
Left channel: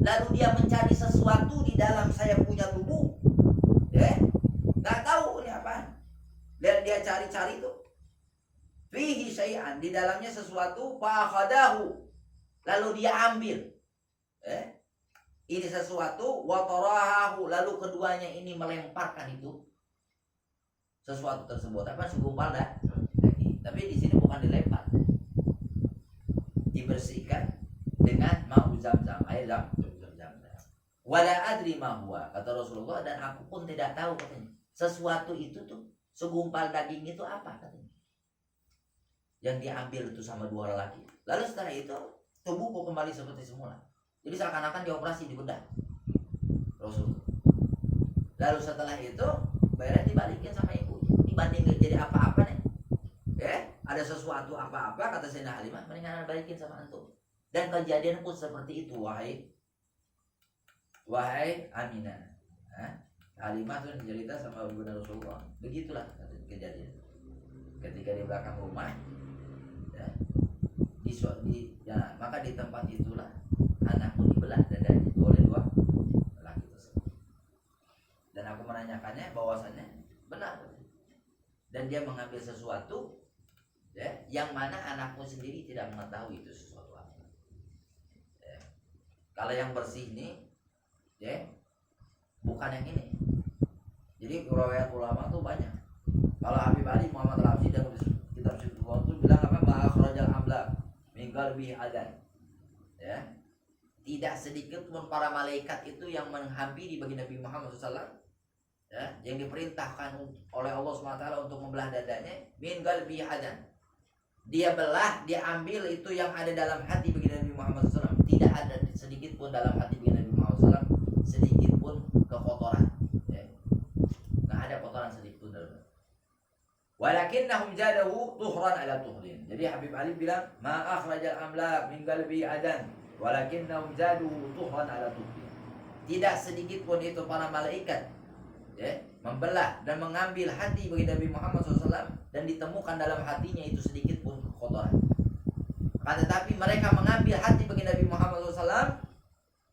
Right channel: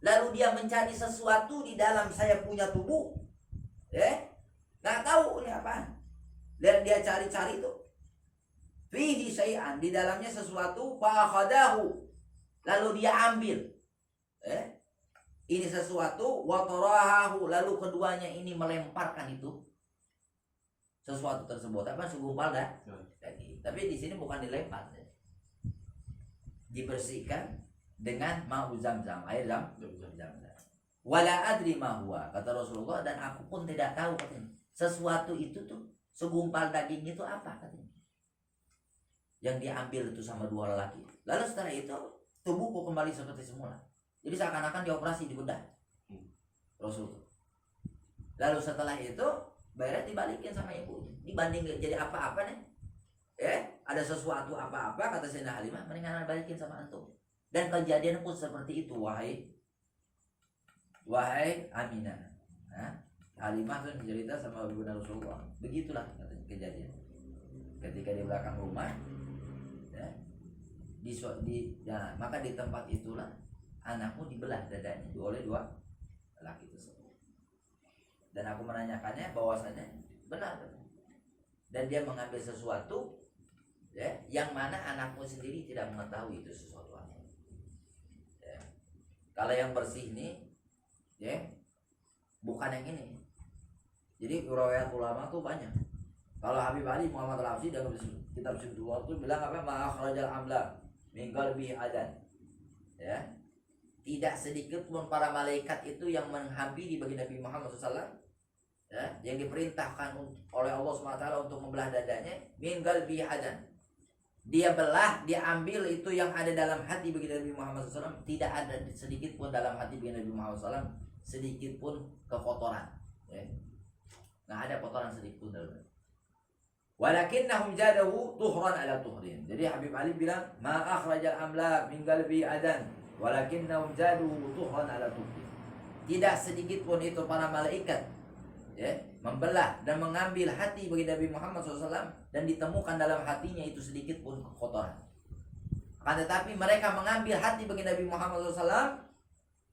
Lalu dia mencari sesuatu di dalam saya punya tubuh. Nggak tahu ini apa. Dan dia cari-cari itu. Fihi syai'an, di dalamnya sesuatu, fa'akhadahu. Lalu dia ambil. Ini sesuatu, wa tarahahu, lalu keduanya ini melemparkan itu sesuatu tersebut. Apa segumpal dah? Tapi di sini bukan dilempar. Dibersihkan dengan ma'u Zamzam, air Zamzam. Wala adri ma huwa, kata Rasulullah, dan aku pun tidak tahu katanya. Sesuatu itu tuh segumpal daging itu apa katanya. Yang diambil itu sama dua lelaki. Lalu setelah itu tubuhku kembali seperti semula. Jadi seakan-akan dioperasi di bedah Rasulullah. Lalu setelah itu bayarnya dibalikin sama ibu. Dibanding jadi apa-apa nih. Ada sesuatu apa-apa kata Sayyidina Halimah, mendingan balikin sama antum. Dan kejadian pun seperti itu, wahai Aminah. Halimah tuh cerita sama Bunda Rasulullah. Begitulah kejadian. Ketika di belakang rumah, maka di tempat itulah anakmu dibelah dadanya oleh dua lelaki tersebut. Dan aku menanyakannya bahwasanya benar. Dan dia mengambil sesuatu yang mana anakmu sendiri tidak mengetahui itu sesuatu apa. Kalau yang bersih ini, bukan yang ini. Jadi riwayat ulama tuh banyak. Kalau Habib Ali Muhammad Al-Habsyi dalam kitab Sifrullah itu bilang apa? Ma'akhrajal amla min qalbi adan. Tidak sedikit pun para malaikat itu yang menghampiri bagi Nabi Muhammad SAW, yang diperintahkan oleh Allah SWT untuk membelah dadanya, min qalbi adan. Dia belah, dia ambil itu yang ada dalam hati bagi Nabi Muhammad SAW. Tidak ada sedikit pun dalam hati bagi Nabi Muhammad SAW sedikit pun kekotoran. Nggak ada kotoran sedikit pun dalam. Walakinnahum jadahu tuhran ala tuhrin. Jadi Habib Ali bilang, ma akhrajal amlak min qalbi adan, walakinnahum jaduhu tuhran ala tuhrin. Tidak sedikit pun itu para malaikat membelah dan mengambil hati bagi Nabi Muhammad SAW, dan ditemukan dalam hatinya itu sedikit pun kotoran. Akan tetapi mereka mengambil hati bagi Nabi Muhammad SAW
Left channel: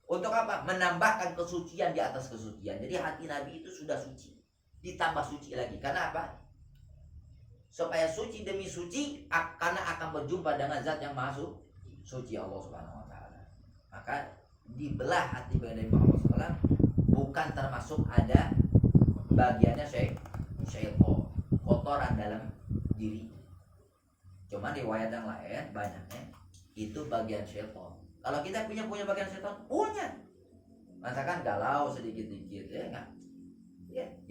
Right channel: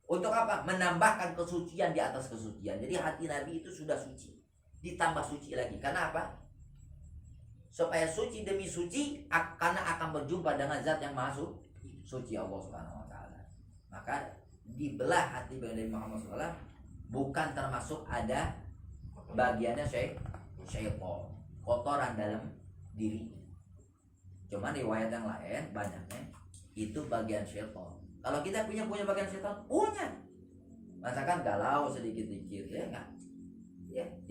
untuk apa? Menambahkan kesucian di atas kesucian. Jadi hati Nabi itu sudah suci, ditambah suci lagi. Karena apa? Supaya suci demi suci, karena akan berjumpa dengan zat yang maha suci, Allah Subhanahu wa taala. Maka dibelah hati bagi Nabi Muhammad SAW bukan termasuk ada bagiannya syaitan, kotoran dalam diri. Cuman riwayat yang lain banyaknya itu bagian syaitan. Kalau kita punya bagian syaitan, punya. Masakan galau sedikit-sedikit, enggak.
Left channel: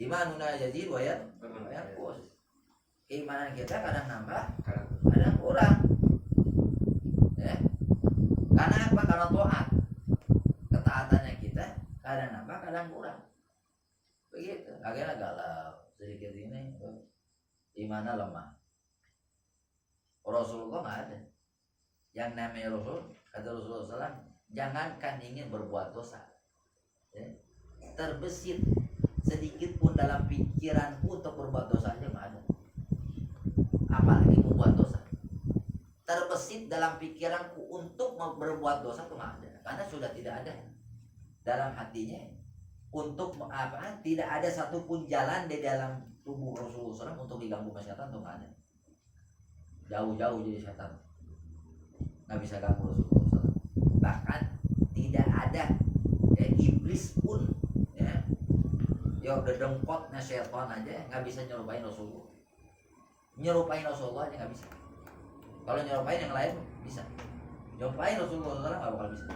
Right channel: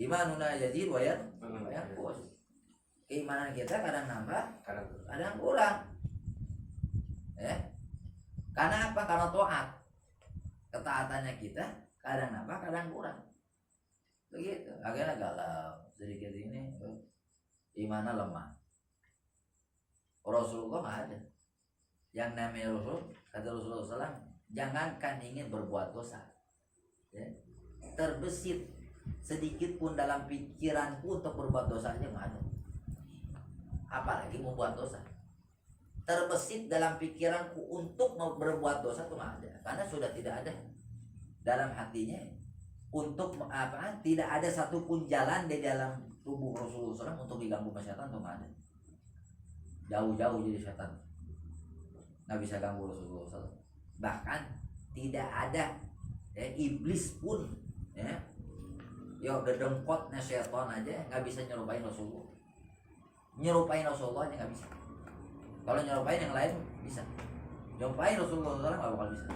Imanuna yazid wa yanqus. Keimanan kita kadang nambah, kadang kurang. Karena apa? Karena taat. Ketaatannya kita kadang nambah, kadang kurang. Begitu. Akhirnya galau sedikit ini, imannya lemah. Rasulullah nggak ada. Yang namanya Rasul, kata Rasulullah SAW, jangankan ingin berbuat dosa, terbesit sedikit pun dalam pikiranku untuk berbuat dosa aja nggak ada. Apalagi membuat dosa. Terbesit dalam pikiranku untuk berbuat dosa itu nggak ada, karena sudah tidak ada dalam hatinya untuk apa? Tidak ada satupun jalan di dalam tubuh Rasulullah SAW untuk diganggu setan, itu nggak ada. Jauh-jauh jadi setan, nggak bisa ganggu Rasulullah SAW. Bahkan tidak ada iblis pun udah dengkotnya setan aja nggak bisa nyerupain Rasulullah. Nyerupain Rasulullah aja nggak bisa. Kalau nyerupain yang lain bisa, nyerupain Rasulullah SAW nggak bakal bisa.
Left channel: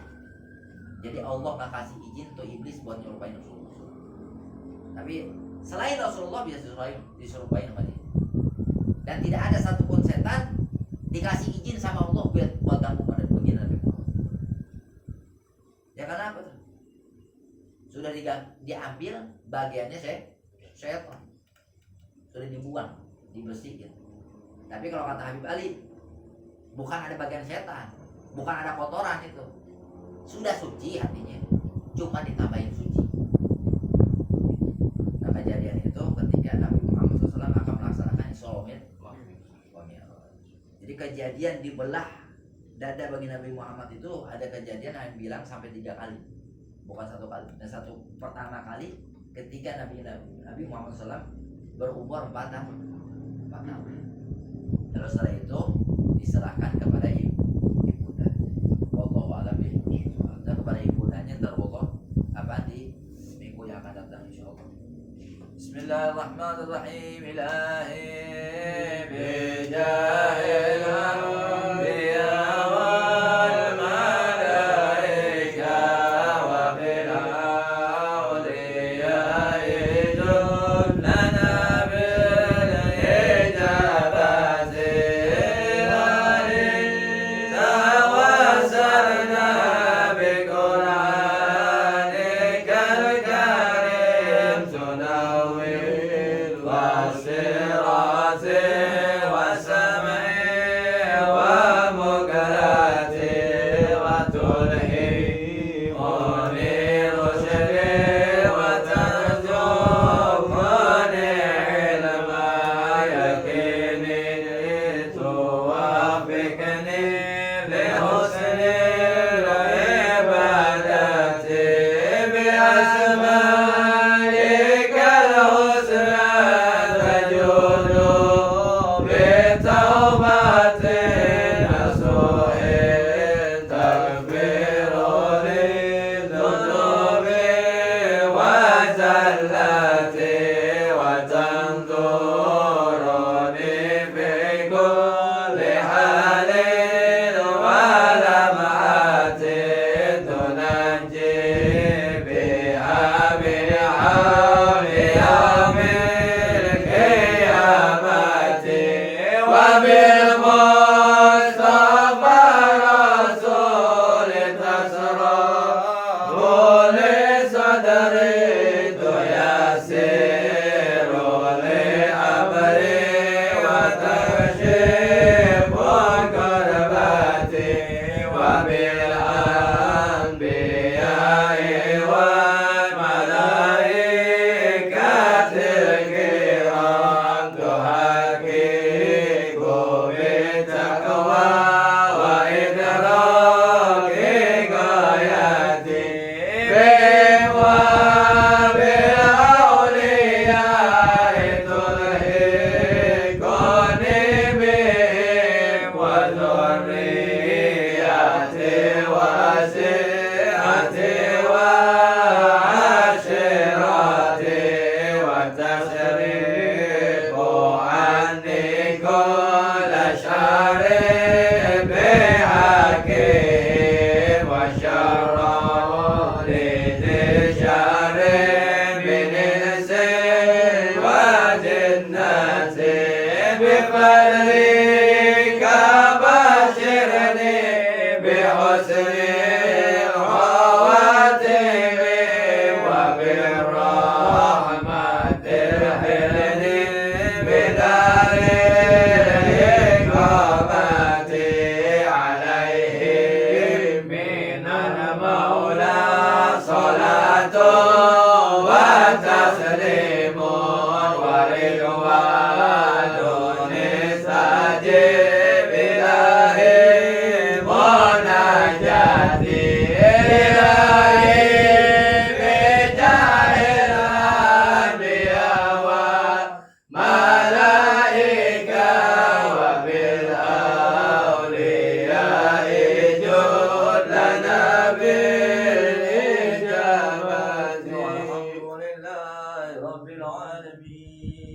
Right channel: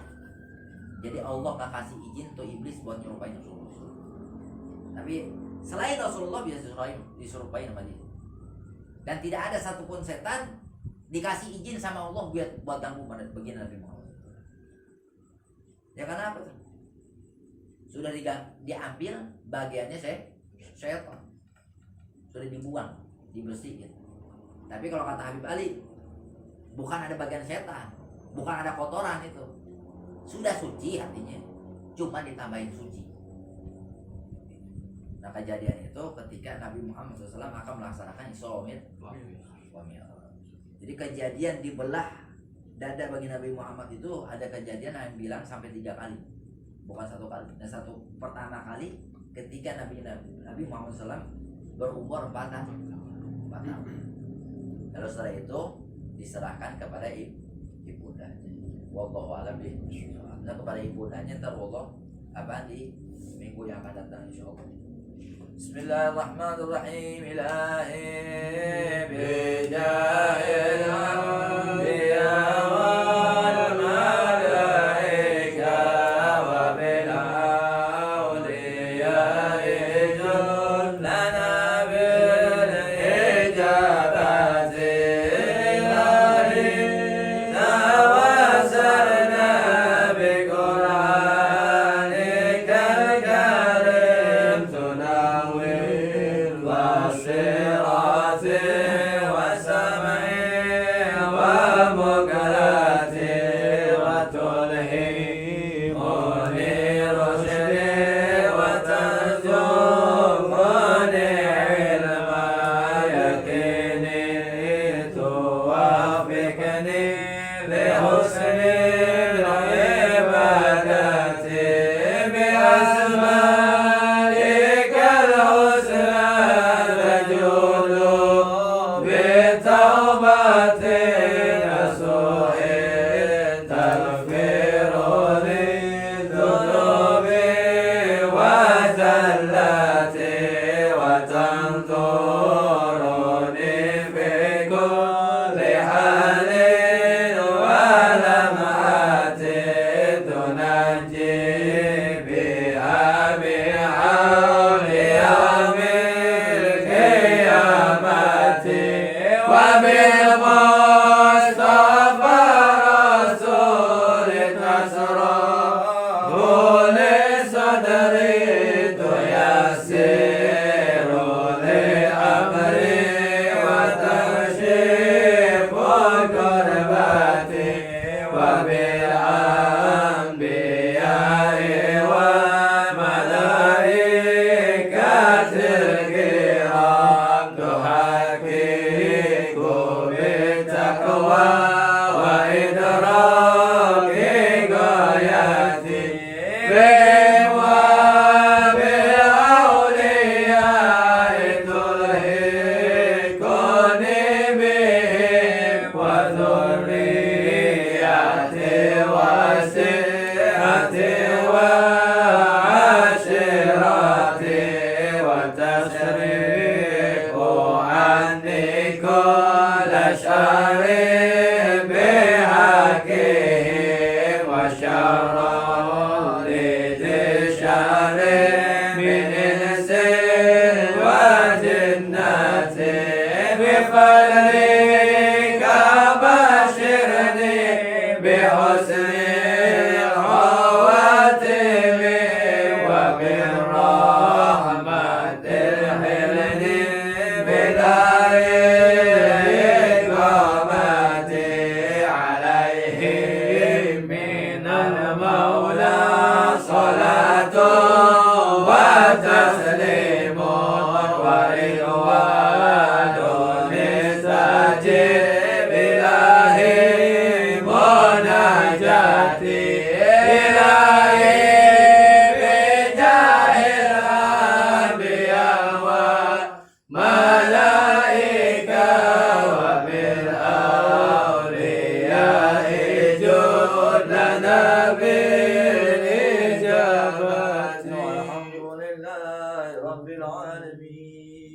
Jadi Allah nggak kasih izin untuk iblis buat nyerupain Rasulullah. Tapi selain Rasulullah bisa diserupain sama dia. Dan tidak ada satupun setan dikasih izin sama Allah buat ganggu pada bagian Nabi Muhammad. Ya karena apa tuh? Sudah diambil bagiannya syaitan. Sudah dibuang, dibersihkan. Tapi kalau kata Habib Ali, bukan ada bagian setan, bukan ada kotoran itu. Sudah suci hatinya, cuma ditambahin suci. Nah kejadian itu ketika Nabi Muhammad SAW akan melaksanakan Isra Mi'raj. Jadi kejadian dibelah dada bagi Nabi Muhammad itu ada kejadian yang bilang sampai 3 kali, bukan 1 kali. Dan pertama kali ketika Nabi Muhammad SAW berumur 4 tahun. Lalu setelah itu diserahkan kepada ibundanya. Wallahu a'lam bishawab. Dan kepada ibundanya terwallah di minggu yang akan datang insyaallah. Bismillahirrahmanirrahim. Ilahi bijahil anbiya wal malaika wa bil awliya ijud lana bil ijabati lari tawassalna bi qur'anikal karim tunawwir wasirati wasam'i wa mukarati wa tulhi munir rushdi wa tanzumuni ilma yaqini tuwafikni li husni ibadati bi asma'ikal husna tajudu bi tawbatin nasuhin taghfiru li dhunubi wa zallati wa tanzuruni fi kulli halin wa lam'atin tunajji biha bi'awli yawmil qiyamati wa bil mustafa rasuli tasrahu li sadri tuyassiru li amri wa tashifu kurbati wa bil anbiya'i wal malaikatil kiram tuhaqiqu bitaqwa wa idraki ghayati wa bil awliya'i tulhiquni bihim wa dhurriyyati wasi'ati wa ashirati wa tasrifu anni kulla sharrin bihaqihim wa sharran li sharrin min insin wa jinnatin bi fadlika bashirni bi husnil khawatimi wa bir rahmatil hilni bi daril iqamati alaihim minal mawla salatu wa taslimun wa ridwanun istajib ilahi munajati ilahi bijahil anbiya wal malaika wa bil awliya ijud lana bil ijabati walhamdulillahi rabbil alamin.